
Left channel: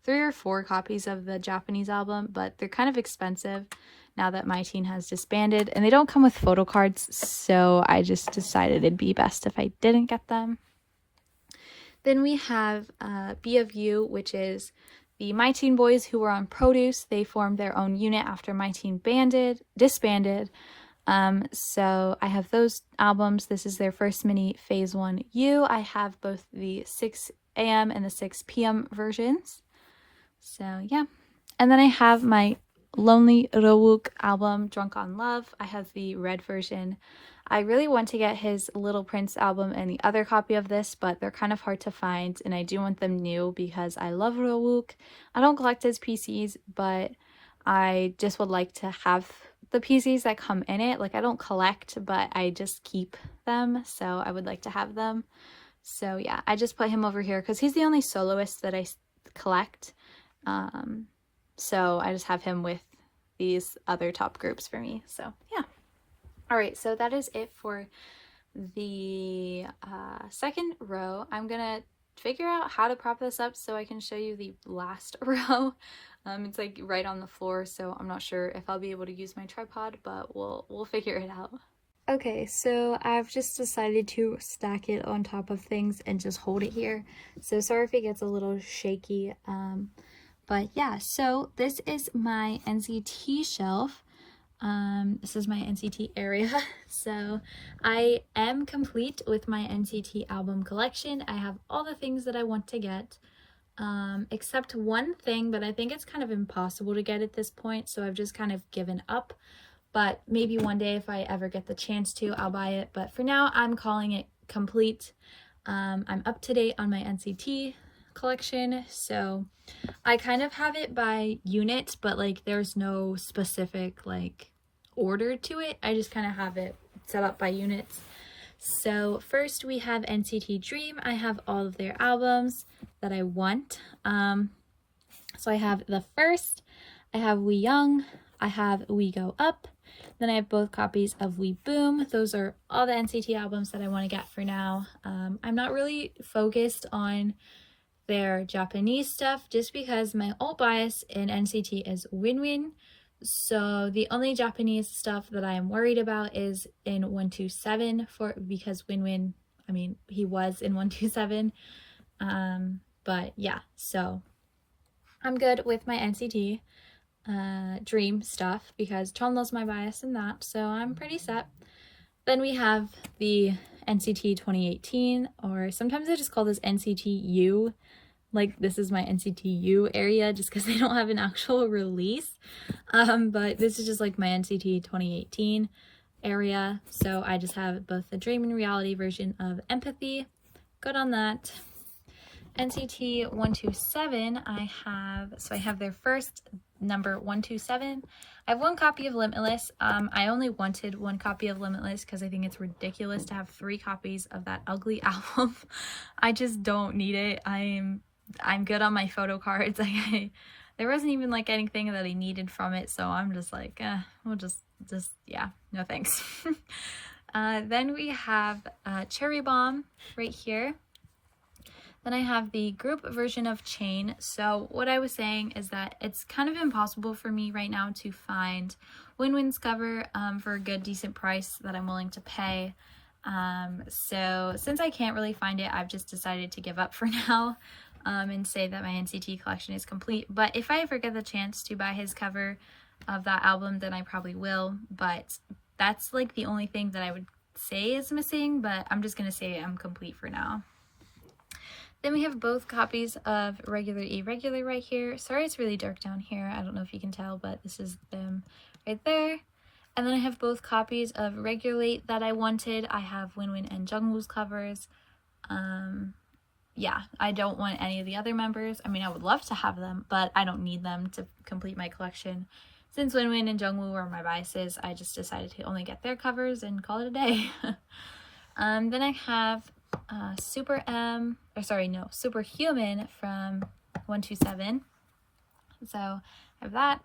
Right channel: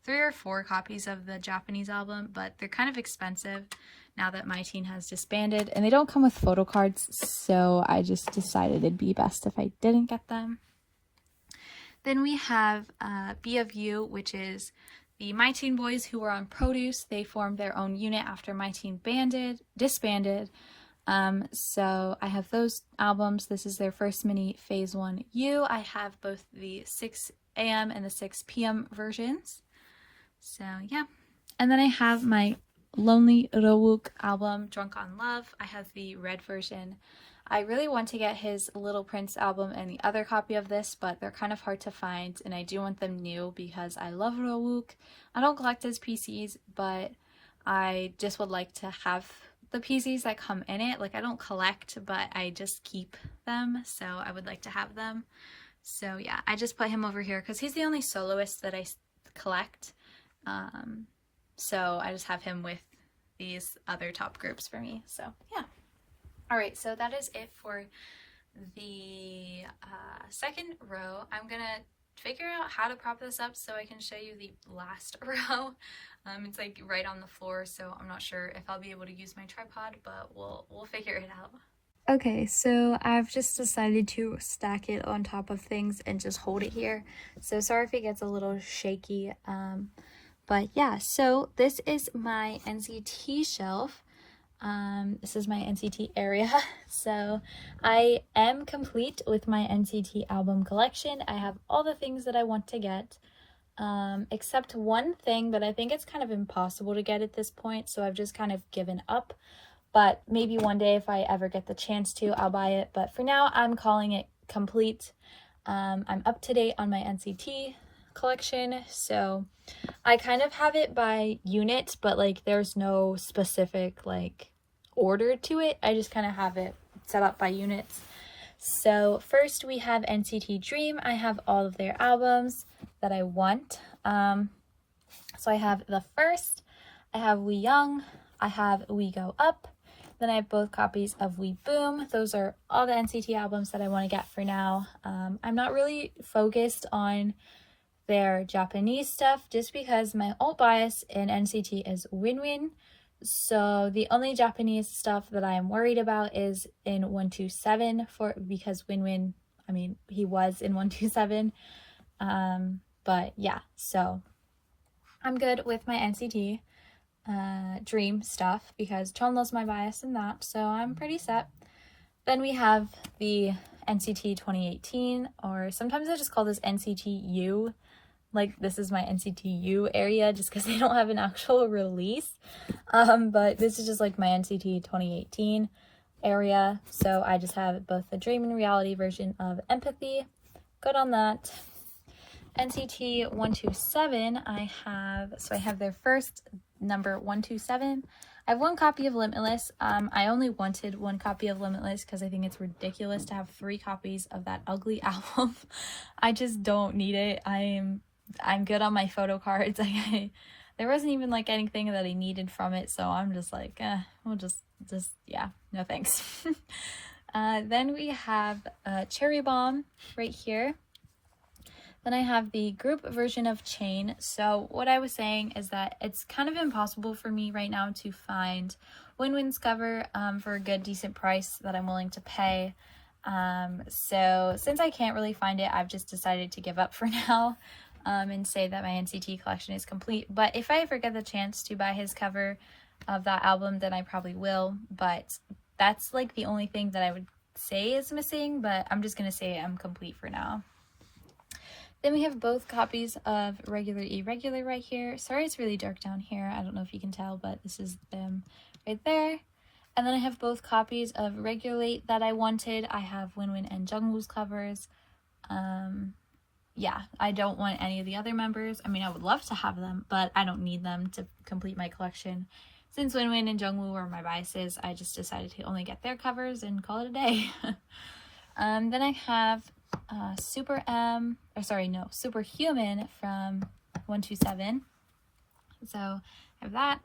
or 4 copies of the Japanese album, but they're kind of expensive now that My Teen has disbanded, and they don't come with photo cards, so I just decided it'd be best if I didn't get them. Then we have Be of You, which is the My Teen boys who were on Produce. They formed their own unit after My Teen disbanded. So I have those albums. This is their first mini Phase 1 U. I have both the 6 a.m. and the 6 p.m. versions. So yeah. And then I have my Lonely Rowook album, Drunk on Love. I have the red version. I really want to get his Little Prince album and the other copy of this, but they're kind of hard to find, and I do want them new because I love Rowook. I don't collect his PCs, but I just would like to have the PCs that come in it. Like, I don't collect, but I just keep them, so I would like to have them. So yeah, I just put him over here because he's the only soloist that I collect. So I just have him with these other top groups for me. So yeah. Alright, so that is it for the second row. I'm gonna figure out how to prop this up so I can show you the last row. It's like right on the floor, so I'm not sure if I'll be able to use my tripod, but we'll figure it out. Okay, so I've just decided to stack it on top of things and just hold it here. So sorry if it gets a little shaky. But yeah, so this is my NCT shelf. This is my NCT area. So I am complete with my NCT album collection. I have all the things that I want to get, except one thing, but I think it's kind of impossible to get at this point, so I've just kind of given up. But maybe one day if I ever get the chance to, I'll buy it. But for now, I'm calling it complete. I'm up to date on my NCT collection, so I kind of have it by unit, but like there's no specific like order to it. I just kind of have it set up by units. So first we have NCT Dream. I have all of their albums that I want. So I have the first, I have We Young, I have We Go Up, then I have both copies of We Boom. Those are all the NCT albums that I want to get for now. I'm not really focused on their Japanese stuff just because my alt bias in NCT is Win-Win. So the only Japanese stuff that I am worried about is in 127 because Win-Win, I mean, he was in 127. But yeah, so I'm good with my NCT Dream stuff because Chonlo's my bias in that, so I'm pretty set. Then we have the NCT 2018, or sometimes I just call this NCT U. Like, this is my NCT U area just because they don't have an actual release. But this is just like my NCT 2018 area. So I just have both the Dream and Reality version of Empathy. Good on that. NCT 127, I have their first number 127. I have one copy of Limitless. I only wanted one copy of Limitless because I think it's ridiculous to have 3 copies of that ugly album. I just don't need it. I'm good on my photo cards. There wasn't even like anything that I needed from it, so I'm just like, we'll just yeah, no thanks. Then we have Cherry Bomb right here. Then I have the group version of Chain. So what I was saying is that it's kind of impossible for me right now to find Win-Win's cover for a good, decent price that I'm willing to pay. So since I can't really find it, I've just decided to give up for now and say that my NCT collection is complete. But if I ever get the chance to buy his cover of that album, then I probably will. But that's like the only thing that I would say is missing, but I'm just going to say I'm complete for now. Then we have both copies of Regular Irregular right here. Sorry it's really dark down here. I don't know if you can tell, but this is them right there. And then I have both copies of Regulate that I wanted. I have Win-Win and Jungwoo's covers. Yeah, I don't want any of the other members. I mean, I would love to have them, but I don't need them to complete my collection. since Winwin and Jungwoo were my biases, I just decided to only get their covers and call it a day. Then I have Superhuman from 127. So I have that.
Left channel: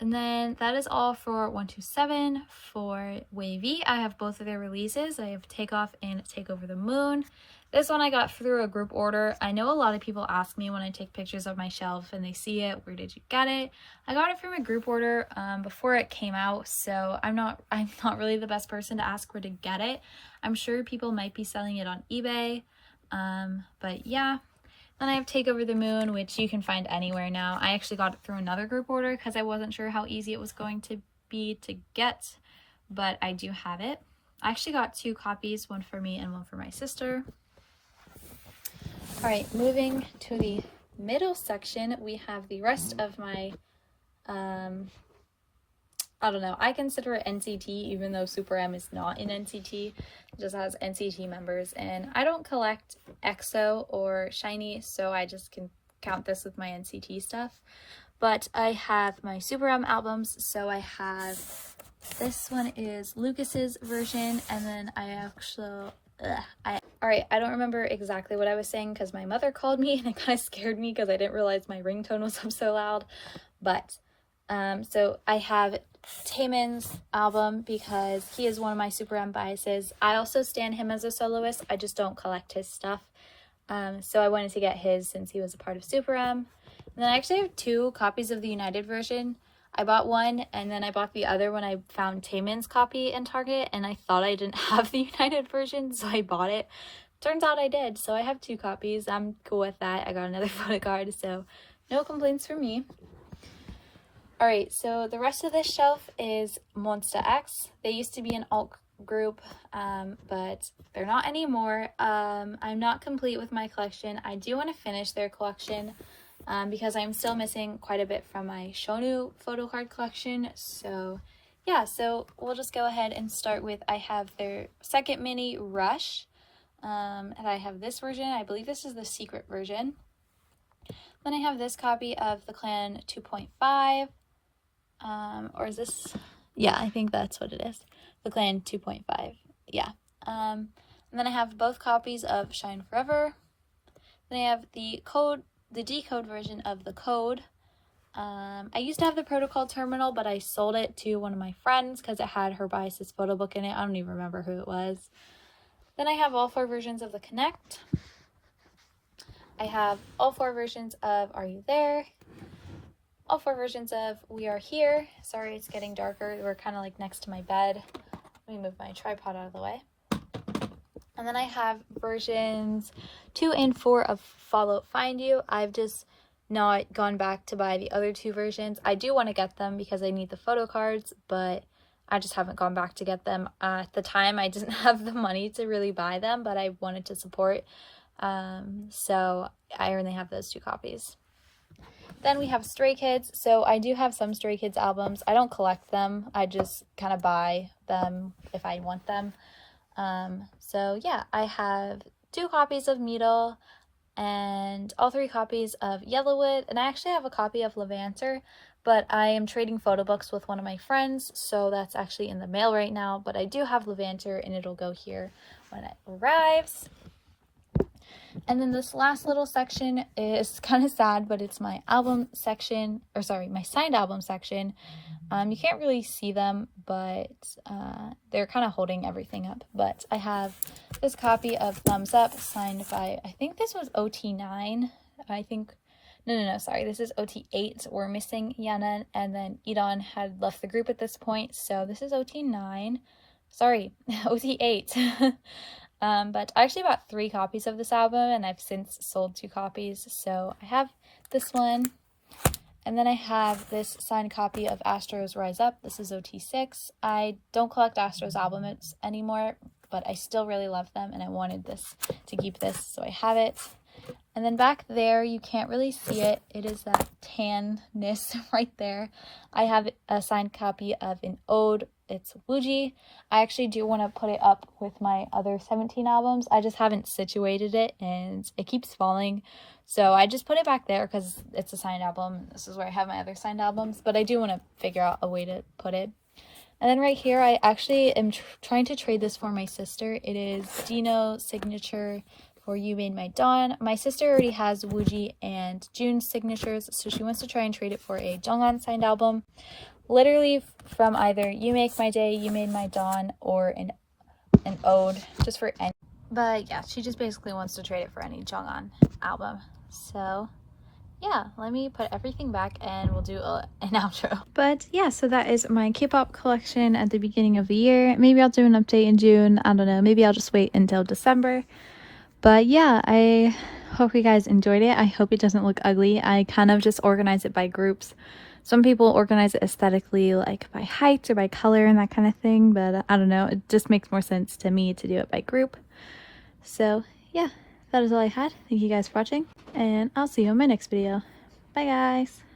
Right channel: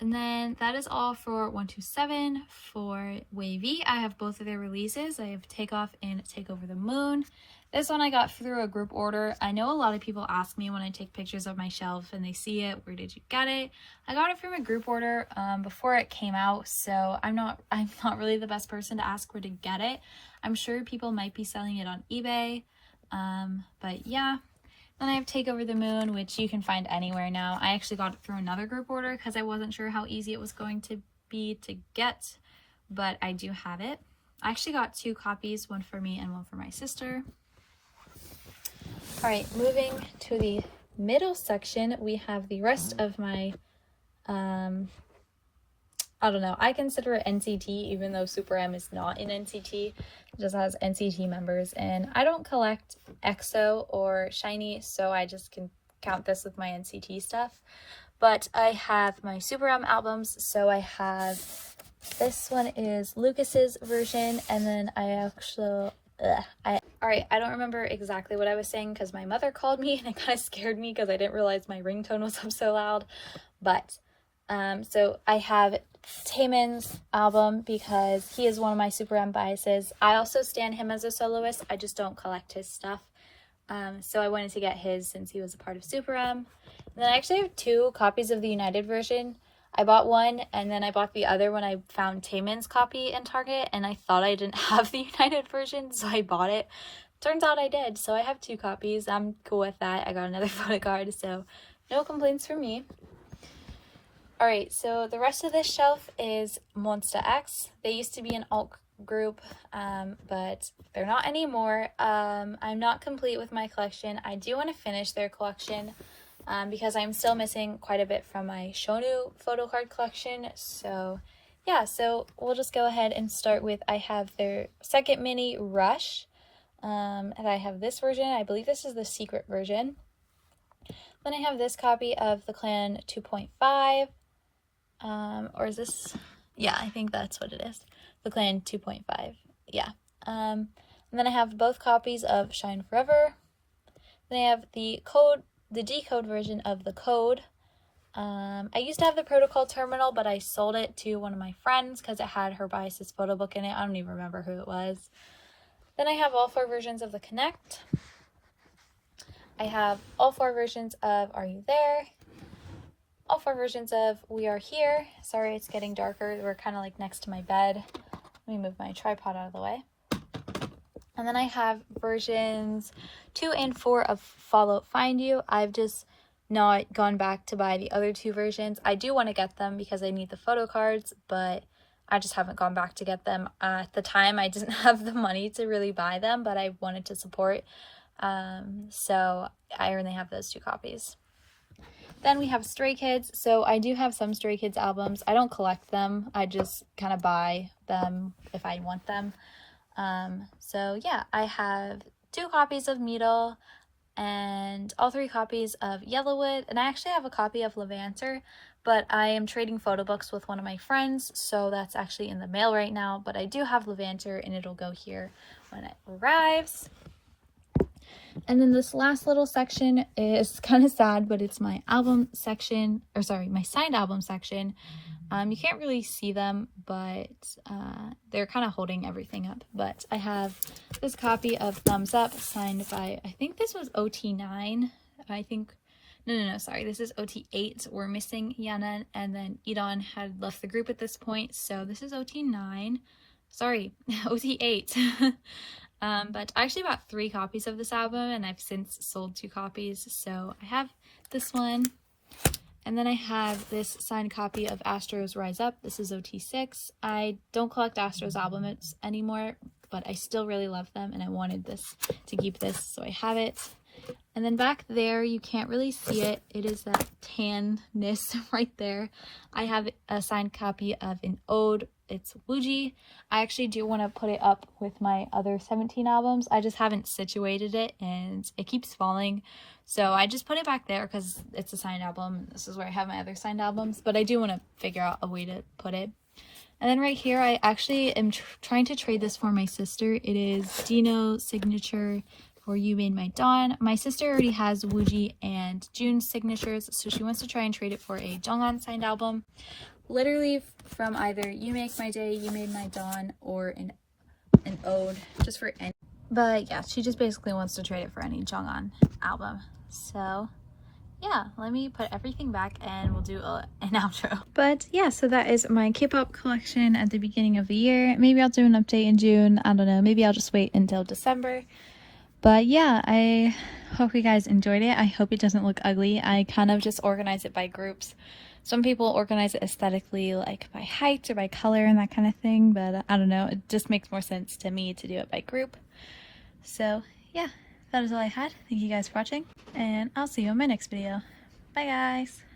And then that is all for 127. For WayV, I have both of their releases. I have Takeoff and Take Over the Moon. This one I got through a group order. I know a lot of people ask me when I take pictures of my shelf and they see it, where did you get it? I got it from a group order before it came out, so I'm not really the best person to ask where to get it. I'm sure people might be selling it on eBay, but yeah. Then I have Take Over the Moon, which you can find anywhere now. I actually got it through another group order because I wasn't sure how easy it was going to be to get, but I do have it. I actually got 2 copies, one for me and one for my sister. All right, moving to the middle section, we have the rest of my, I don't know, I consider it NCT, even though Super M is not in NCT. It just has NCT members, and I don't collect EXO or Shiny, so I just can count this with my NCT stuff. But I have my Super M albums, so I have, this one is Lucas's version, and then I actually, Alright, I don't remember exactly what I was saying because my mother called me and it kind of scared me because I didn't realize my ringtone was up so loud. But, so I have Taemin's album because he is one of my Super M biases. I also stan him as a soloist, I just don't collect his stuff. So I wanted to get his since he was a part of Super M. And then I actually have 2 copies of the United version. I bought one and then I bought the other when I found Taemin's copy in Target, and I thought I didn't have the United version, so I bought it. Turns out I did, so I have 2 copies. I'm cool with that. I got another photo card, so no complaints from me. Alright, so the rest of this shelf is Monsta X. They used to be an alt group, but they're not anymore. I'm not complete with my collection. I do want to finish their collection. Because I'm still missing quite a bit from my Shownu photo card collection. So yeah, so we'll just go ahead and start with, I have their second mini Rush, and I have this version. I believe this is the secret version. Then I have this copy of the Clan 2.5, or is this, yeah, I think that's what it is, the Clan 2.5, yeah. And then I have both copies of Shine Forever. Then I have the decode version of the Code. I used to have the Protocol Terminal, but I sold it to one of my friends because it had her biases photo book in it. I don't even remember who it was. Then I have all 4 versions of the Connect. I have all 4 versions of Are You There? All 4 versions of We Are Here. Sorry, it's getting darker. We're kind of like next to my bed. Let me move my tripod out of the way. And then I have versions 2 and 4 of Follow Find You. I've just not gone back to buy the other 2 versions. I do want to get them because I need the photo cards, but I just haven't gone back to get them. At the time, I didn't have the money to really buy them, but I wanted to support. So I only have those 2 copies. Then we have Stray Kids. So I do have some Stray Kids albums. I don't collect them. I just kind of buy them if I want them. So yeah, I have 2 copies of Needle and all 3 copies of Yellowwood, and I actually have a copy of Levanter, but I am trading photo books with one of my friends, so that's actually in the mail right now, but I do have Levanter and it'll go here when it arrives. And then this last little section is kind of sad, but it's my album section, or sorry, my signed album section. You can't really see them, but they're kind of holding everything up. But I have this copy of Thumbs Up signed by, I think this was OT9. I think, no, sorry, this is OT8. We're missing Yana, and then Idon had left the group at this point, so this is OT9. Sorry, OT8. But I actually bought 3 copies of this album, and I've since sold 2 copies. So I have this one, and then I have this signed copy of Astro's Rise Up. This is OT6. I don't collect Astro's albums anymore, but I still really love them, and I wanted this to keep this, so I have it. And then back there, you can't really see it. It is that tanness right there. I have a signed copy of an Ode. it's Wooji. I actually do want to put it up with my other 17 albums. I just haven't situated it and it keeps falling. So I just put it back there because it's a signed album. This is where I have my other signed albums, but I do want to figure out a way to put it. And then right here, I actually am trying to trade this for my sister. It is Dino signature for You Made My Dawn. My sister already has Wooji and June's signatures, so she wants to try and trade it for a Jonghan signed album. Literally from either You Make My Day, You Made My Dawn, or an ode, just for any. But yeah, she just basically wants to trade it for any Jonghan album. So yeah, let me put everything back and we'll do an outro. But yeah, so that is my K-pop collection at the beginning of the year. Maybe I'll do an update in June. I don't know. Maybe I'll just wait until December. But yeah, I hope you guys enjoyed it. I hope it doesn't look ugly. I kind of just organize it by groups. Some people organize it aesthetically, like by height or by color and that kind of thing. But I don't know. It just makes more sense to me to do it by group. So yeah, that is all I had. Thank you guys for watching, and I'll see you in my next video. Bye guys!